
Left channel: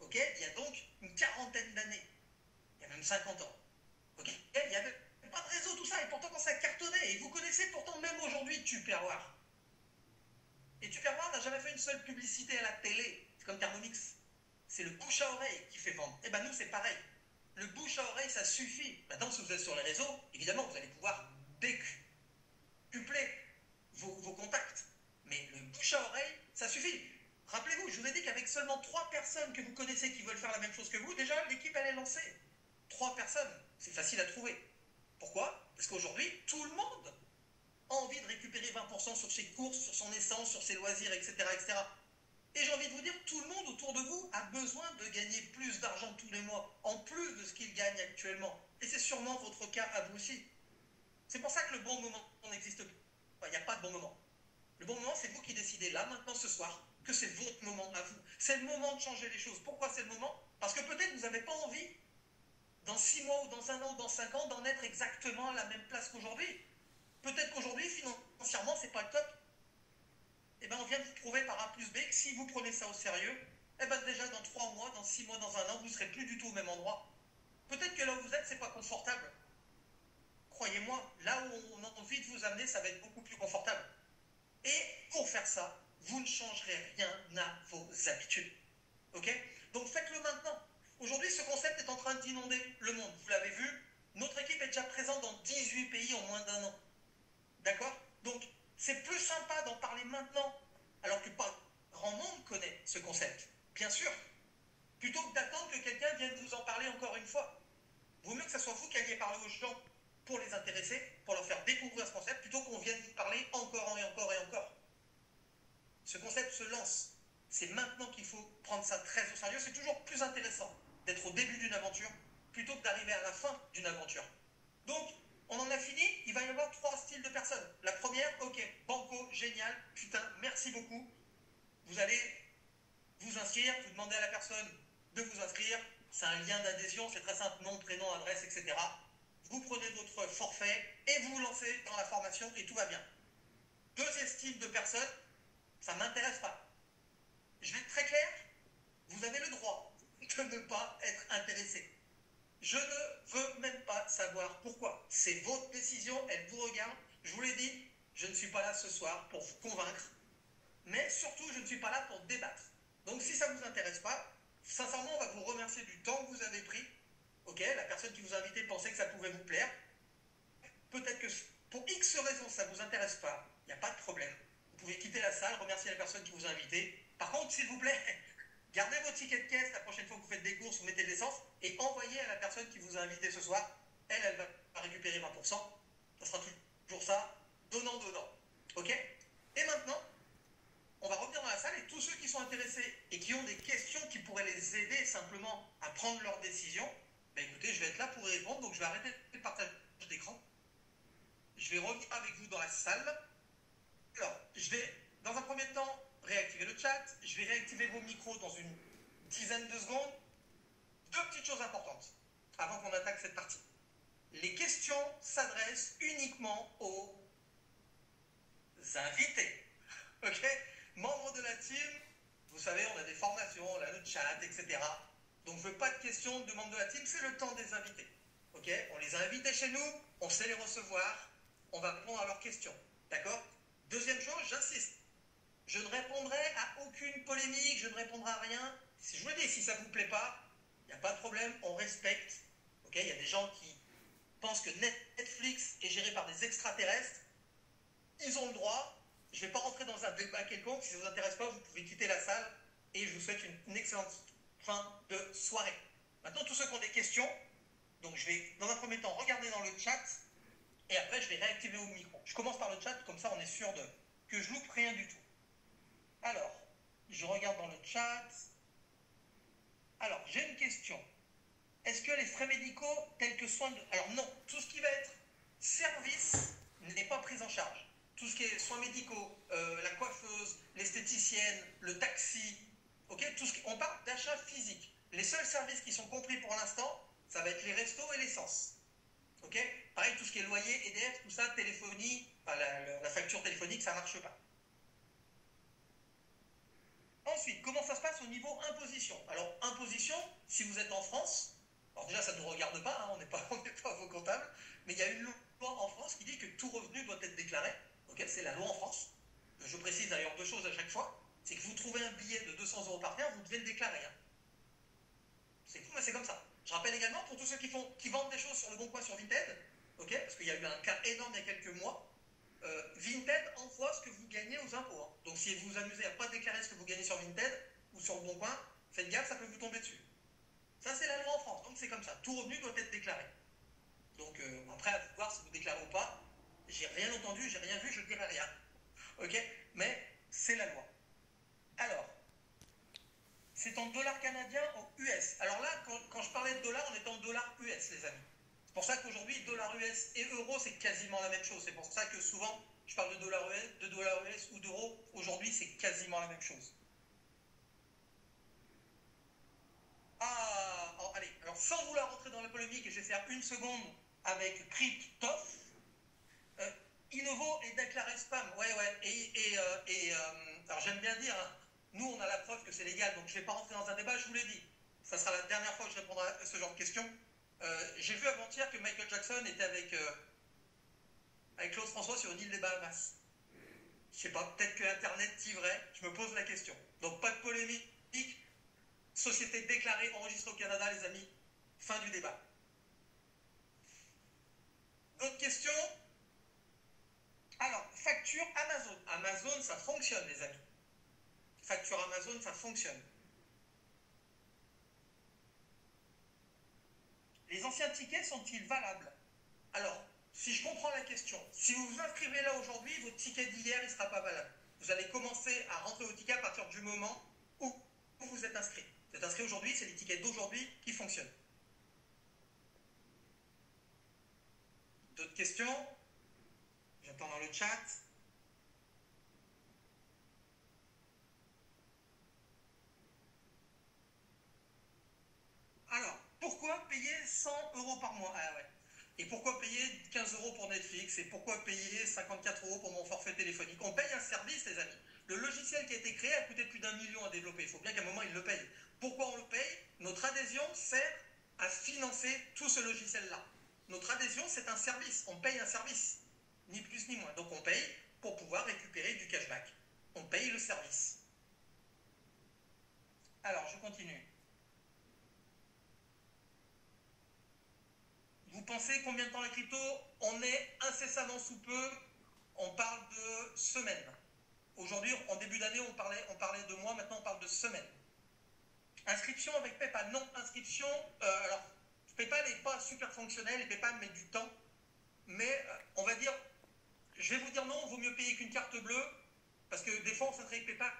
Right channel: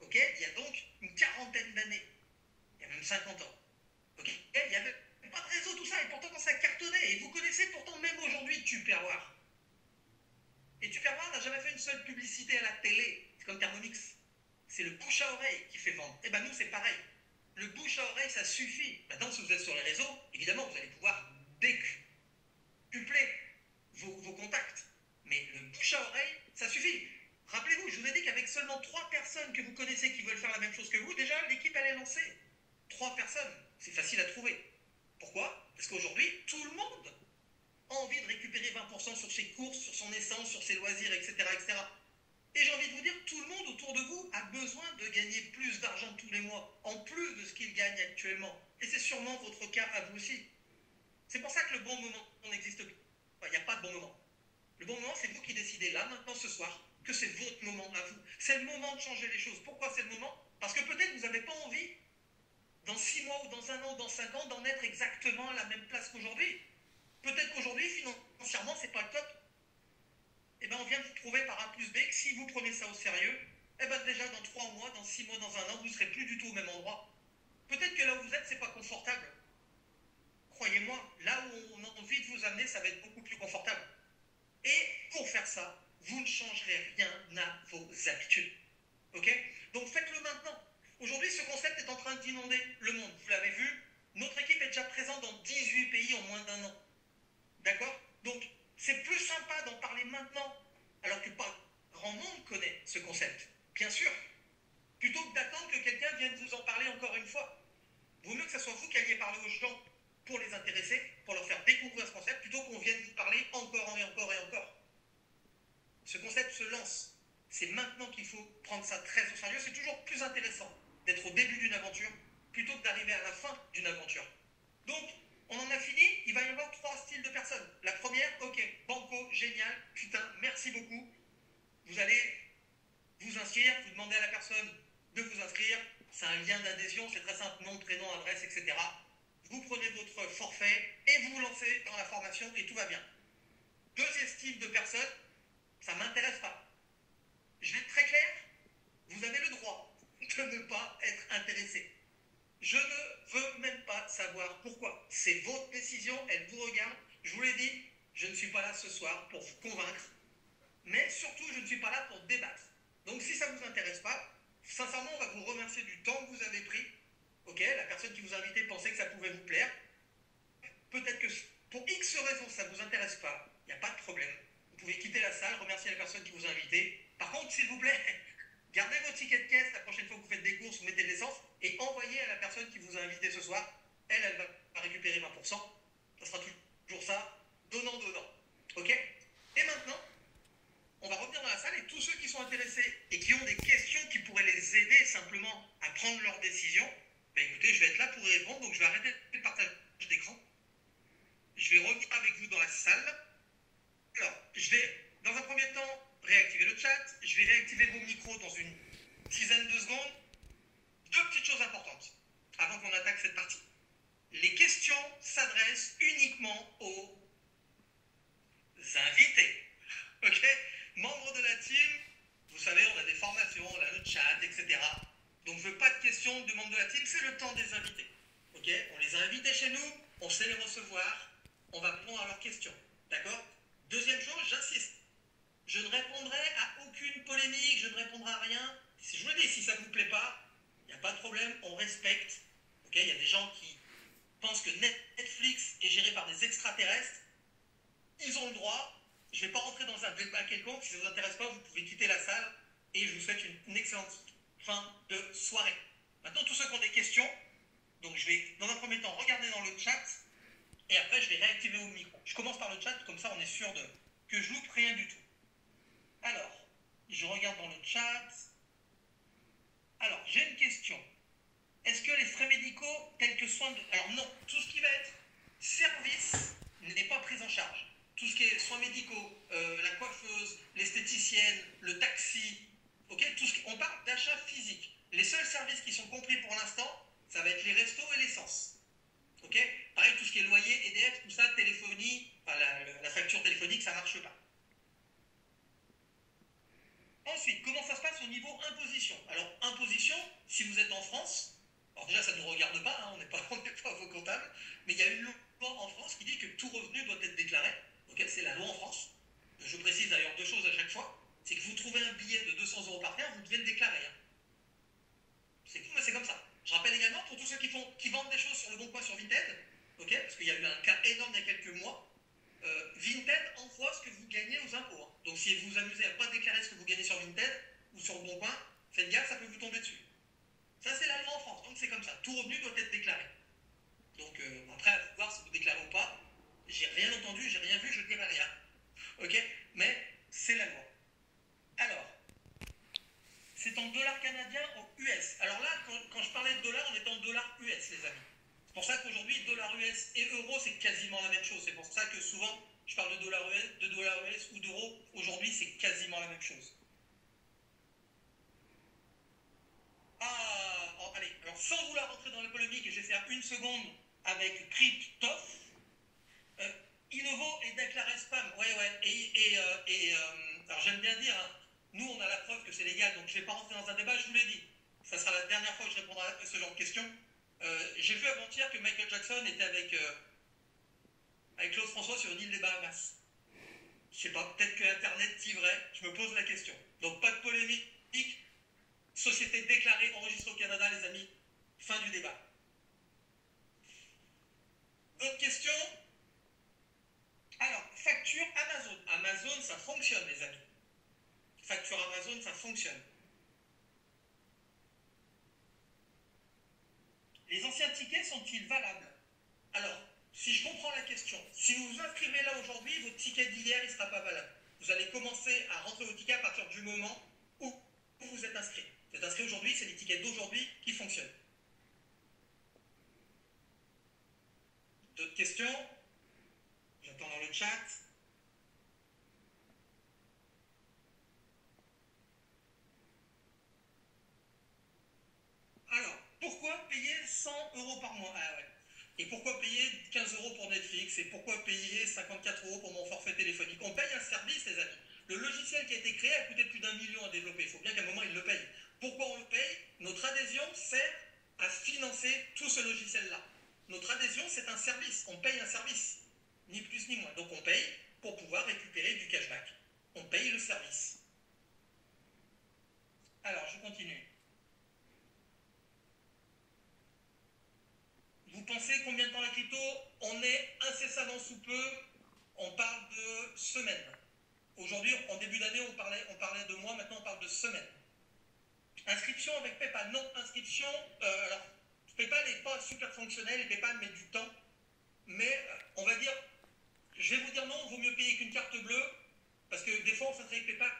ok, il y a donc une quarantaine d'années, il y a même 50 ans. Ok, il n'y avait pas de réseau, tout ça, et pourtant ça cartonnait. Et vous connaissez pourtant même aujourd'hui Tupperware. Et Tupperware n'a jamais fait une seule publicité à la télé. C'est comme Thermomix. C'est le bouche à oreille qui fait vendre. Et bien nous, c'est pareil. Le bouche à oreille, ça suffit. Maintenant, si vous êtes sur les réseaux, évidemment, vous allez pouvoir décupler vos contacts. Mais le bouche à oreille, ça suffit. Rappelez-vous, je vous ai dit qu'avec seulement 3 personnes que vous connaissez qui veulent faire la même chose que vous, déjà, l'équipe, elle est lancée. 3 personnes. c'est facile à trouver. Pourquoi? Parce qu'aujourd'hui, tout le monde a envie de récupérer 20% sur ses courses, sur son essence, sur ses loisirs, etc., etc. Et j'ai envie de vous dire, tout le monde autour de vous a besoin de gagner plus d'argent tous les mois, en plus de ce qu'il gagne actuellement. Et c'est sûrement votre cas à vous aussi. C'est pour ça que le bon moment n'existe plus. Enfin, il n'y a pas de bon moment. Le bon moment, c'est vous qui décidez là, maintenant, ce soir, que c'est votre moment à vous. C'est le moment de changer les choses. Pourquoi c'est le moment? Parce que peut-être vous n'avez pas envie, dans 6 mois ou dans 1 an ou dans 5 ans, d'en être exactement à la même place qu'aujourd'hui. Peut-être qu'aujourd'hui, financièrement, c'est pas le top. Eh bien, on vient de vous prouver par A plus B que si vous prenez ça au sérieux, eh bien, déjà dans 3 mois, dans 6 mois, dans 1 an, vous ne serez plus du tout au même endroit. Peut-être que là où vous êtes, c'est pas confortable. Croyez-moi, là où on a envie de vous amener, ça va être beaucoup plus confortable. Et pour faire ça, vous ne changerez rien à vos habitudes. Ok? Donc faites-le maintenant. Aujourd'hui, ce concept est en train d'inonder le monde. Vous l'avez vu, notre équipe est déjà présente dans 18 pays en moins d'1 an. D'accord? Donc, c'est plus sympa d'en parler maintenant, alors que pas grand monde connaît ce concept. Bien sûr. Plutôt que d'attendre que quelqu'un vienne vous en parler encore une fois. Vaut mieux que ce soit vous qui alliez parler aux gens pour les intéresser, pour leur faire découvrir ce concept, plutôt qu'on vienne vous parler encore et encore et encore. Ce concept se lance. C'est maintenant qu'il faut prendre ça très au sérieux. C'est toujours plus intéressant d'être au début d'une aventure plutôt que d'arriver à la fin d'une aventure. Donc, on en a fini. Il va y avoir 3 styles de personnes. La première, ok, banco, génial, putain, merci beaucoup. Vous allez vous inscrire, vous demandez à la personne de vous inscrire. C'est un lien d'adhésion, c'est très simple, nom, prénom, adresse, etc. Vous prenez votre forfait et vous vous lancez dans la formation et tout va bien. Deuxième style de personne, ça ne m'intéresse pas. Je vais être très clair, vous avez le droit de ne pas être intéressé. Je ne veux même pas savoir pourquoi. C'est votre décision, elle vous regarde. Je vous l'ai dit, je ne suis pas là ce soir pour vous convaincre, mais surtout, je ne suis pas là pour débattre. Donc si ça ne vous intéresse pas, sincèrement, on va vous remercier du temps que vous avez pris. Ok, la personne qui vous a invité pensait que ça pouvait vous plaire. Peut-être que pour X raisons, ça ne vous intéresse pas, il n'y a pas de problème. Vous pouvez quitter la salle, remercier la personne qui vous a invité. Par contre, s'il vous plaît, gardez votre ticket de caisse la prochaine fois que vous faites des courses, vous mettez de l'essence et envoyez à la personne qui vous a invité ce soir. Elle va récupérer 20%. Ça sera toujours ça, donnant. Ok? Et maintenant, on va revenir dans la salle et tous ceux qui sont intéressés et qui ont des questions qui pourraient les aider simplement à prendre leurs décisions, ben écoutez, je vais être là pour y répondre, donc je vais arrêter le partage d'écran. Je vais revenir avec vous dans la salle. Alors, je vais, dans un premier temps, réactiver le chat. Je vais réactiver vos micros dans une dizaine de secondes. 2 petites choses importantes avant qu'on attaque cette partie. Les questions s'adressent uniquement aux invités. Ok? Membres de la team, vous savez, on a des formations, on a le chat, etc. Donc, je ne veux pas de questions de membres de la team, c'est le temps des invités. Ok? On les a invités chez nous, on sait les recevoir, on va répondre à leurs questions. D'accord? Deuxième chose, j'insiste. Je ne répondrai à aucune polémique, je ne répondrai à rien. Si je vous le dis, si ça ne vous plaît pas, il n'y a pas de problème, on respecte. Ok? Il y a des gens qui pensent que Netflix est géré par des extraterrestres. Ils ont le droit. Je ne vais pas rentrer dans un débat quelconque. Si ça ne vous intéresse pas, vous pouvez quitter la salle. Et je vous souhaite une excellente fin de soirée. Maintenant, tous ceux qui ont des questions, donc je vais, dans un premier temps, regarder dans le chat. Et après, je vais réactiver vos micros. Je commence par le chat, comme ça, on est sûr que je loupe rien du tout. Alors, je regarde dans le chat. Alors, j'ai une question. Est-ce que les frais médicaux tels que soins de... Alors non, tout ce qui va être service n'est pas pris en charge. Tout ce qui est soins médicaux, la coiffeuse, l'esthéticienne, le taxi, ok, on parle d'achat physique. Les seuls services qui sont compris pour l'instant, ça va être les restos et l'essence. Ok, pareil, tout ce qui est loyer, EDF, tout ça, téléphonie, enfin, la facture téléphonique, ça ne marche pas. Ensuite, comment ça se passe au niveau imposition? Alors, imposition, si vous êtes en France, alors déjà, ça ne nous regarde pas, hein, on n'est pas vos comptables, mais il y a une loi en France qui dit que tout revenu doit être déclaré. Ok, c'est la loi en France. Je précise d'ailleurs 2 choses à chaque fois. C'est que vous trouvez un billet de 200 € par mois, vous devez le déclarer. Hein. C'est fou, mais c'est comme ça. Je rappelle également pour tous ceux qui vendent des choses sur le Bon Coin, sur Vinted, ok, parce qu'il y a eu un cas énorme il y a quelques mois. Vinted envoie ce que vous gagnez aux impôts. Hein. Donc si vous vous amusez à ne pas déclarer ce que vous gagnez sur Vinted ou sur le Bon Coin, faites gaffe, ça peut vous tomber dessus. Ça, c'est la loi en France, donc c'est comme ça. Tout revenu doit être déclaré. Donc après, à vous voir si vous déclarez ou pas. J'ai rien entendu, j'ai rien vu, je dirai rien. Ok? Mais c'est la loi. Alors, c'est en dollars canadiens ou US. Alors là, quand je parlais de dollars, on est en dollars US, les amis. C'est pour ça qu'aujourd'hui, dollars US et euros, c'est quasiment la même chose. C'est pour ça que souvent, je parle de dollars US ou d'euros. Aujourd'hui, c'est quasiment la même chose. Ah, oh, allez, alors sans vouloir rentrer dans la polémique, et je vais faire une seconde avec Cryptof, Innovo est déclaré spam. Ouais, ouais. Alors j'aime bien dire, hein, nous on a la preuve que c'est légal, donc je ne vais pas rentrer dans un débat, je vous l'ai dit. Ça sera la dernière fois que je répondrai à ce genre de questions. J'ai vu avant-hier que Michael Jackson était avec Claude François sur une île des Bahamas. Je sais pas, peut-être que Internet dit vrai, je me pose la question. Donc pas de polémique, société déclarée, enregistrée au Canada, les amis. Fin du débat. D'autres questions? Alors, facture Amazon. Amazon, ça fonctionne, les amis. Facture Amazon, ça fonctionne. Les anciens tickets sont-ils valables? Alors, si je comprends la question, si vous vous inscrivez là aujourd'hui, votre ticket d'hier, il ne sera pas valable. Vous allez commencer à rentrer vos tickets à partir du moment où vous êtes inscrit. Vous êtes inscrit aujourd'hui, c'est les tickets d'aujourd'hui qui fonctionnent. D'autres questions? J'attends dans le chat. Alors, pourquoi payer 100 euros par mois? Ah ouais. Et pourquoi payer 15 euros pour Netflix? Et pourquoi payer 54 euros pour mon forfait téléphonique? On paye un service, les amis. Le logiciel qui a été créé a coûté plus d'1 million à développer. Il faut bien qu'à un moment, il le paye. Pourquoi on le paye? Notre adhésion sert à financer tout ce logiciel-là. Notre adhésion, c'est un service. On paye un service. Ni plus ni moins. Donc on paye pour pouvoir récupérer du cashback. On paye le service. Alors, je continue. Vous pensez combien de temps la crypto? On est incessamment sous peu, on parle de semaines. Aujourd'hui, en début d'année, on parlait de mois, maintenant on parle de semaines. Inscription avec PayPal? Non, inscription, alors PayPal n'est pas super fonctionnel, PayPal met du temps, mais on va dire, je vais vous dire non, il vaut mieux payer qu'une carte bleue, parce que des fois on s'inscrit avec PayPal,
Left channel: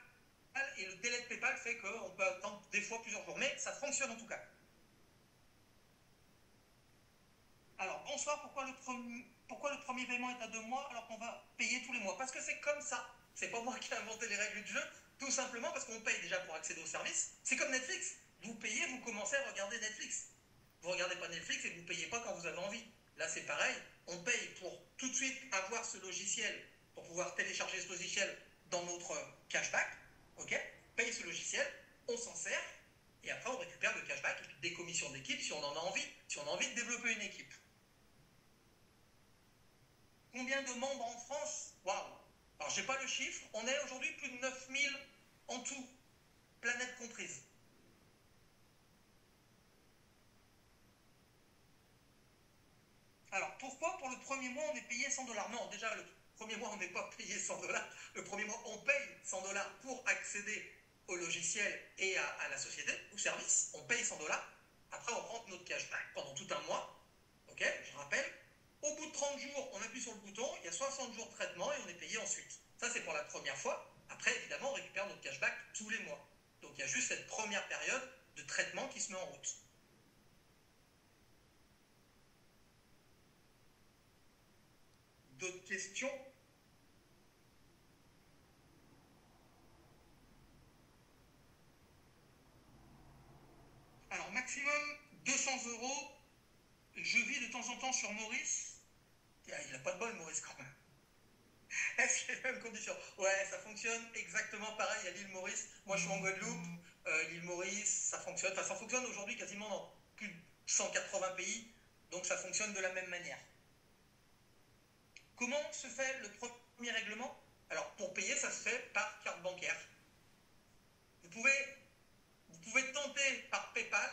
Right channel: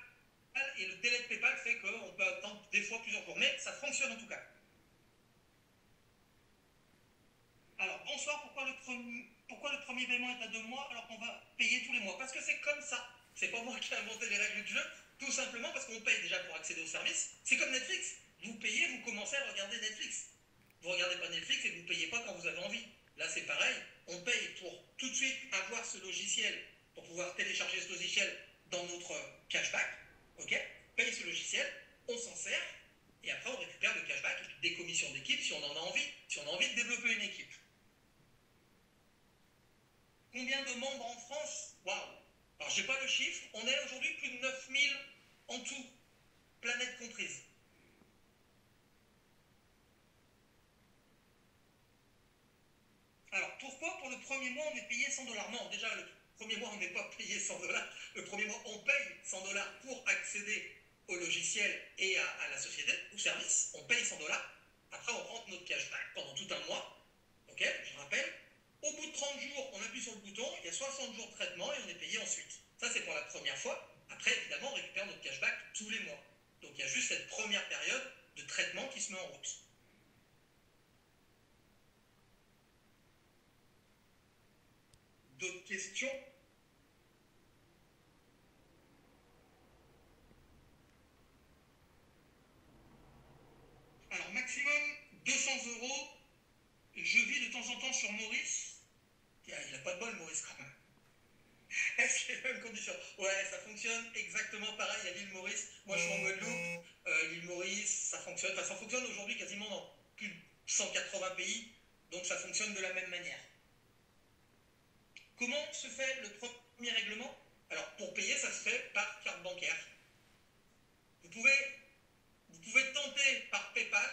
et le délai de PayPal fait qu'on peut attendre des fois plusieurs jours, mais ça fonctionne en tout cas. Alors, bonsoir, pourquoi le premier paiement est à 2 mois alors qu'on va payer tous les mois? Parce que c'est comme ça. C'est pas moi qui ai inventé les règles du jeu, tout simplement parce qu'on paye déjà pour accéder au service. C'est comme Netflix. Vous payez, vous commencez à regarder Netflix. Vous regardez pas Netflix et vous ne payez pas quand vous avez envie. Là, c'est pareil. On paye pour tout de suite avoir ce logiciel, pour pouvoir télécharger ce logiciel dans notre cashback. Ok? Paye ce logiciel, on s'en sert, et après on récupère le cashback, des commissions d'équipe si on en a envie, si on a envie de développer une équipe. Combien de membres en France? Waouh! Alors, je n'ai pas le chiffre. On est aujourd'hui plus de 9000 en tout, planète comprise. Alors, pourquoi pour le premier mois on est payé 100 dollars? Non, déjà, le premier mois on n'est pas payé 100 dollars. Le premier mois on paye 100 dollars pour accéder au logiciel et à la société, au service. On paye 100 dollars. Après, on rentre notre cashback pendant tout un mois. Ok, je rappelle. Au bout de 30 jours, on appuie sur le bouton, il y a 60 jours de traitement et on est payé ensuite. Ça, c'est pour la première fois. Après, évidemment, on récupère notre cashback tous les mois. Donc, il y a juste cette première période de traitement qui se met en route. D'autres questions? Alors, maximum 200 euros. Je vis de temps en temps sur Maurice. Il n'a pas de bol, Maurice, quand même. Est-ce qu'il y a les mêmes conditions? Ouais, ça fonctionne exactement pareil à l'île Maurice. Moi, je suis en Guadeloupe. L'île Maurice, ça fonctionne. Enfin, ça fonctionne aujourd'hui quasiment dans plus de 180 pays. Donc, ça fonctionne de la même manière. Comment se fait le premier règlement? Alors, pour payer, ça se fait par carte bancaire. Vous pouvez tenter par PayPal.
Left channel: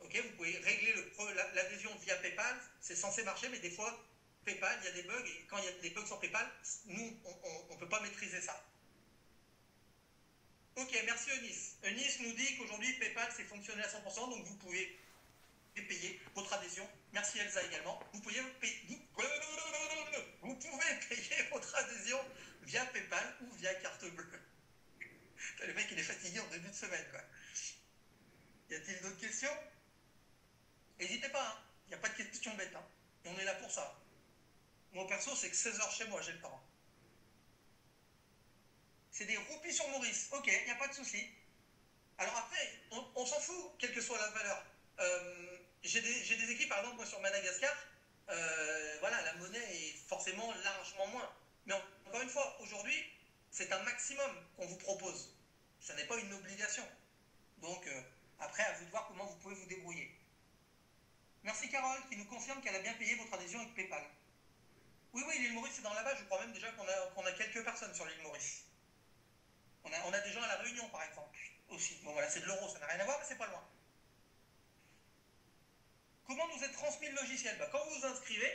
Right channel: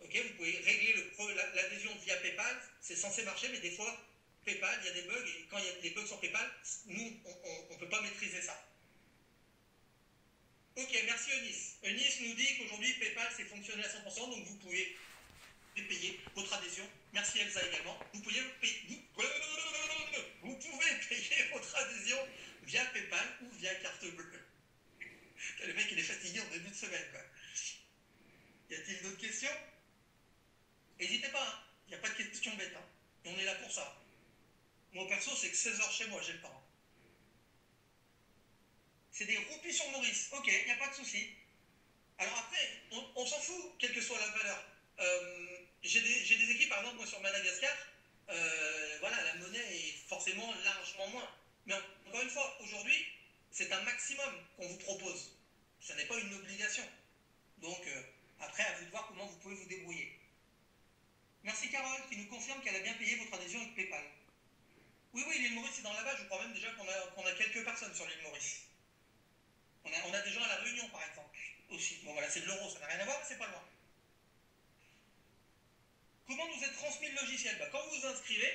Ok, vous pouvez régler l'adhésion via PayPal. C'est censé marcher, mais des fois, PayPal, il y a des bugs. Et quand il y a des bugs sur PayPal, nous, on ne peut pas maîtriser ça. Ok, merci Eunice. Eunice nous dit qu'aujourd'hui, PayPal, c'est fonctionnel à 100%, donc vous pouvez payer votre adhésion. Merci Elsa également. Vous pouvez payer votre adhésion via PayPal ou via carte bleue. Le mec, il est fatigué en début de semaine, quoi. Y a-t-il d'autres questions? N'hésitez pas, hein. Il n'y a pas de questions bêtes, hein. On est là pour ça. Moi, perso, c'est que 16 heures chez moi, j'ai le temps. C'est des roupies sur Maurice. Ok, il n'y a pas de souci. Alors après, on s'en fout, quelle que soit la valeur. J'ai des équipes, par exemple, moi, sur Madagascar, voilà, la monnaie est forcément largement moins. Mais encore une fois, aujourd'hui, c'est un maximum qu'on vous propose. Ça n'est pas une obligation. Donc, après, à vous de voir comment vous pouvez vous débrouiller. Merci Carole, qui nous confirme qu'elle a bien payé votre adhésion avec PayPal. Oui, l'île Maurice est dans la base. Je crois même déjà qu'on a quelques personnes sur l'île Maurice. On a des gens à la Réunion, par exemple, aussi. Bon, voilà, c'est de l'euro, ça n'a rien à voir, mais c'est pas loin. Comment nous est transmis le logiciel? Quand vous vous inscrivez,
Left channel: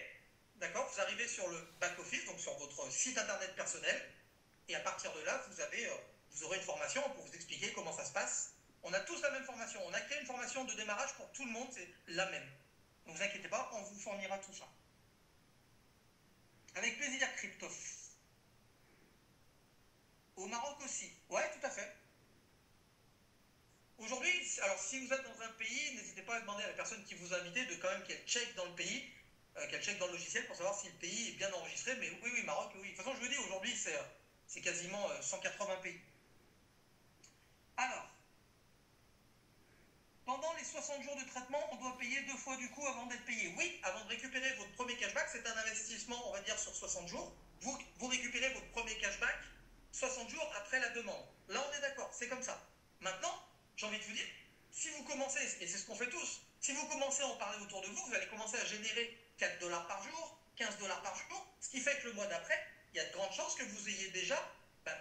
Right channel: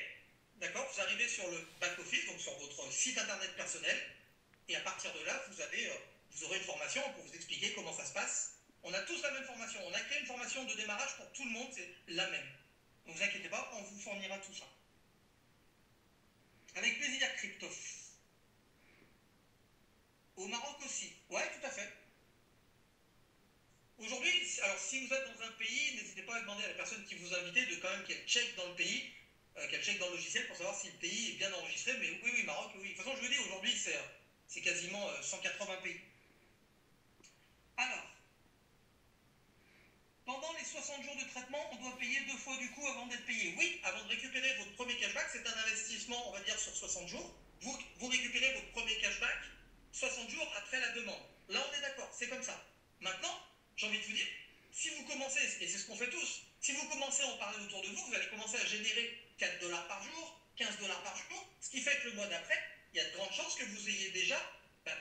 d'accord, vous arrivez sur le back-office, donc sur votre site internet personnel, et à partir de là, vous aurez une formation pour vous expliquer comment ça se passe. On a tous la même formation. On a créé une formation de démarrage pour tout le monde, c'est la même. Donc ne vous inquiétez pas, on vous fournira tout ça. Avec plaisir, Cryptof. Au Maroc aussi. Ouais, tout à fait. Aujourd'hui, alors si vous êtes dans un pays, n'hésitez pas à demander à la personne qui vous a invité de quand même qu'elle check dans le pays, qu'elle check dans le logiciel pour savoir si le pays est bien enregistré. Mais oui, Maroc, oui. De toute façon, je vous dis, aujourd'hui, c'est quasiment 180 pays. Alors, pendant les 60 jours de traitement, on doit payer 2 fois du coup avant d'être payé. Oui, avant de récupérer votre premier cashback, c'est un investissement, on va dire, sur 60 jours. Vous récupérez votre premier cashback 60 jours après la demande. Là, on est d'accord, c'est comme ça. Maintenant, j'ai envie de vous dire, si vous commencez, et c'est ce qu'on fait tous, si vous commencez à en parler autour de vous, vous allez commencer à générer 4 $ par jour, 15 $ par jour, ce qui fait que le mois d'après, il y a de grandes chances que vous ayez déjà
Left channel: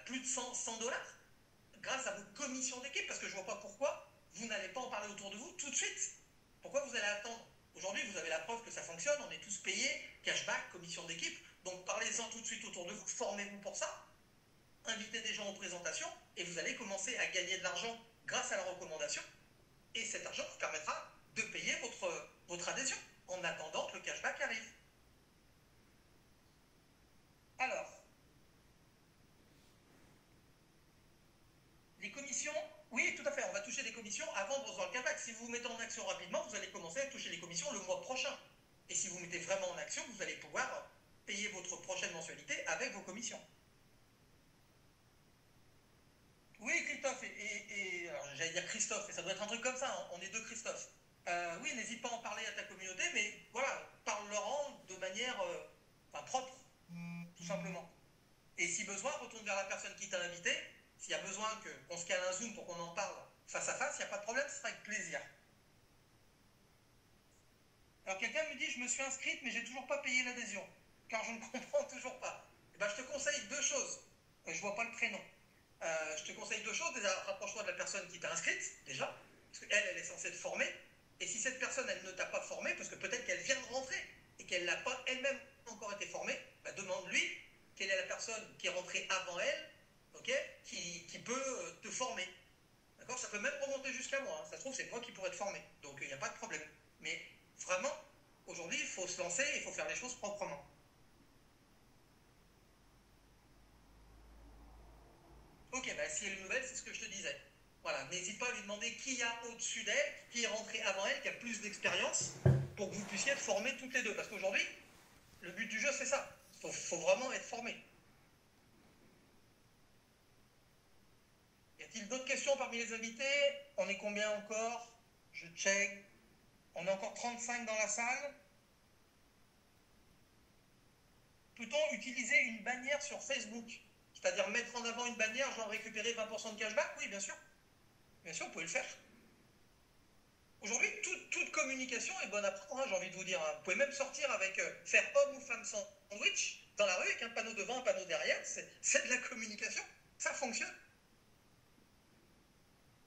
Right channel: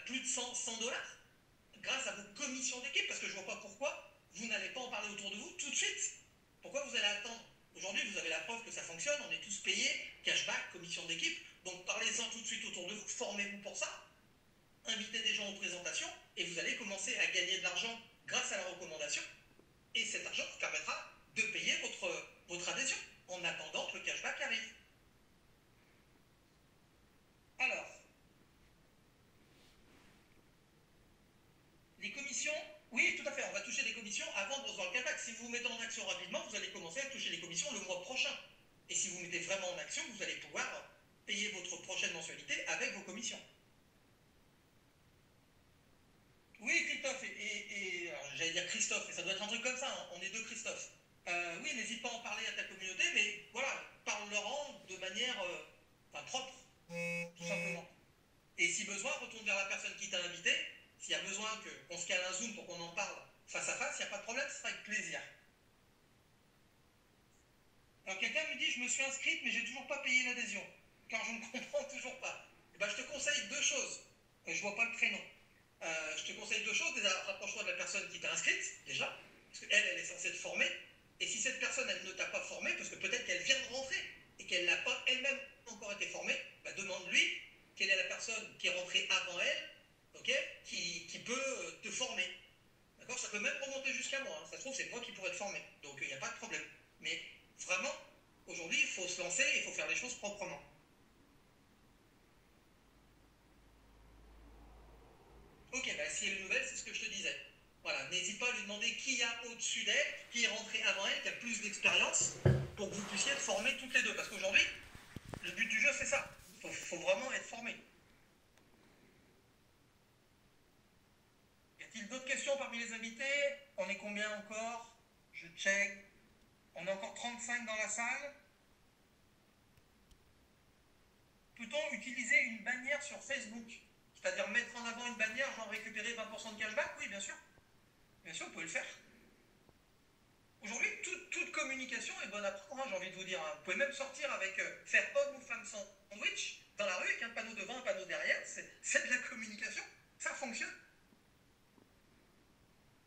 plus de 100 $ grâce à vos commissions d'équipe, parce que je ne vois pas pourquoi vous n'allez pas en parler autour de vous tout de suite. Pourquoi vous allez attendre? Aujourd'hui, vous avez la preuve que ça fonctionne, on est tous payés, cashback, commission d'équipe, donc parlez-en tout de suite autour de vous, formez-vous pour ça, invitez des gens aux présentations, et vous allez commencer à gagner de l'argent grâce à la recommandation, et cet argent vous permettra de payer votre adhésion, en attendant que le cashback arrive. Alors, les commissions, oui, tout à fait, on va toucher des commissions avant de recevoir le cashback. Si vous vous mettez en action rapidement, vous allez commencer à toucher les commissions le mois prochain. Et si vous mettez vraiment en action, vous allez pouvoir payer votre prochaine mensualité avec vos commissions. Oui, Christophe, j'allais dire Christophe, et ça doit être un truc comme ça, hein, on est deux Christophe. Oui, n'hésite pas à en parler à ta communauté, mais voilà, parle-leur de manière propre, tout simplement. Et si besoin, retourne vers la personne qui t'a invité. S'il y a besoin qu'on se cale un Zoom pour qu'on en parle face à face, il n'y a pas de problème, ce sera avec plaisir. Alors quelqu'un me dit, je me suis inscrite, mais j'ai toujours pas payé l'adhésion, car je ne comprends toujours pas. Et ben, je te conseille 2 choses. Je vois pas le prénom. Je te conseille 2 choses. Déjà, rapproche-toi de la personne qui t'a inscrite, déjà, parce qu'elle, elle est censée te former. Et si cette personne, elle ne t'a pas formé, parce que peut-être qu'elle vient de rentrer et qu'elle n'a pas elle-même encore été formée, bah, demande-lui quelle est la personne qui est rentrée avant elle, okay, qui peut te former. D'accord? Ça peut même remonter jusqu'à moi. Hein. Ça se trouve, c'est moi qui pourrais te former. Donc, il n'y a pas de problème. Mais vraiment, aujourd'hui, il faut se lancer et il faut faire les choses proprement. Ok, bah, si elle est nouvelle, c'est ce que je te disais. Voilà, n'hésite pas à lui demander qui y a au-dessus d'elle, qui est rentré avant elle, qui a plus d'expérience, pour que vous puissiez être formés toutes les deux. Parce qu'aujourd'hui, le but du jeu, c'est ça. Il faut vraiment être formé. Y a-t-il d'autres questions parmi les invités? On est combien encore? Je check. On est encore 35 dans la salle. Peut-on utiliser une bannière sur Facebook? C'est-à-dire mettre en avant une bannière, genre récupérer 20% de cashback? Oui, bien sûr. Bien sûr, vous pouvez le faire. Aujourd'hui, toute communication est bonne à prendre, hein, j'ai envie de vous dire. Hein. Vous pouvez même sortir avec faire homme ou femme sandwich dans la rue avec un panneau devant, un panneau derrière. C'est de la communication. Ça fonctionne.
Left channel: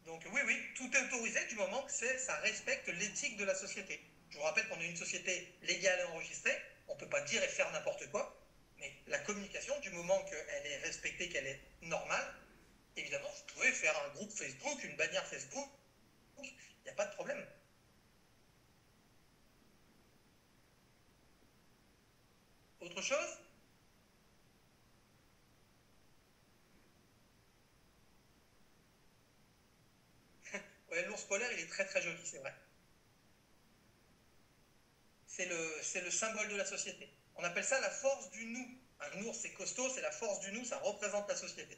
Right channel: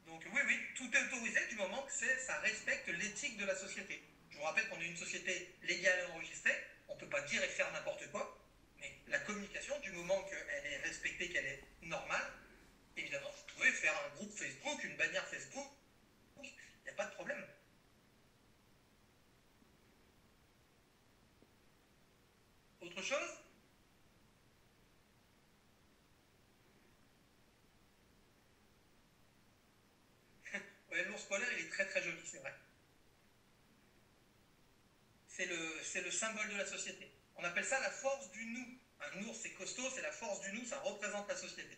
Donc oui, tout est autorisé du moment que ça respecte l'éthique de la société. Je vous rappelle qu'on est une société légale et enregistrée. On ne peut pas dire et faire n'importe quoi. Mais la communication, du moment qu'elle est respectée, qu'elle est normale, évidemment, vous pouvez faire un groupe Facebook, une bannière Facebook. Il n'y a pas de problème. Ouais, l'ours polaire, il est très très joli, c'est vrai. C'est le symbole de la société. On appelle ça la force du nous. Un ours, c'est costaud, c'est la force du nous, ça représente la société.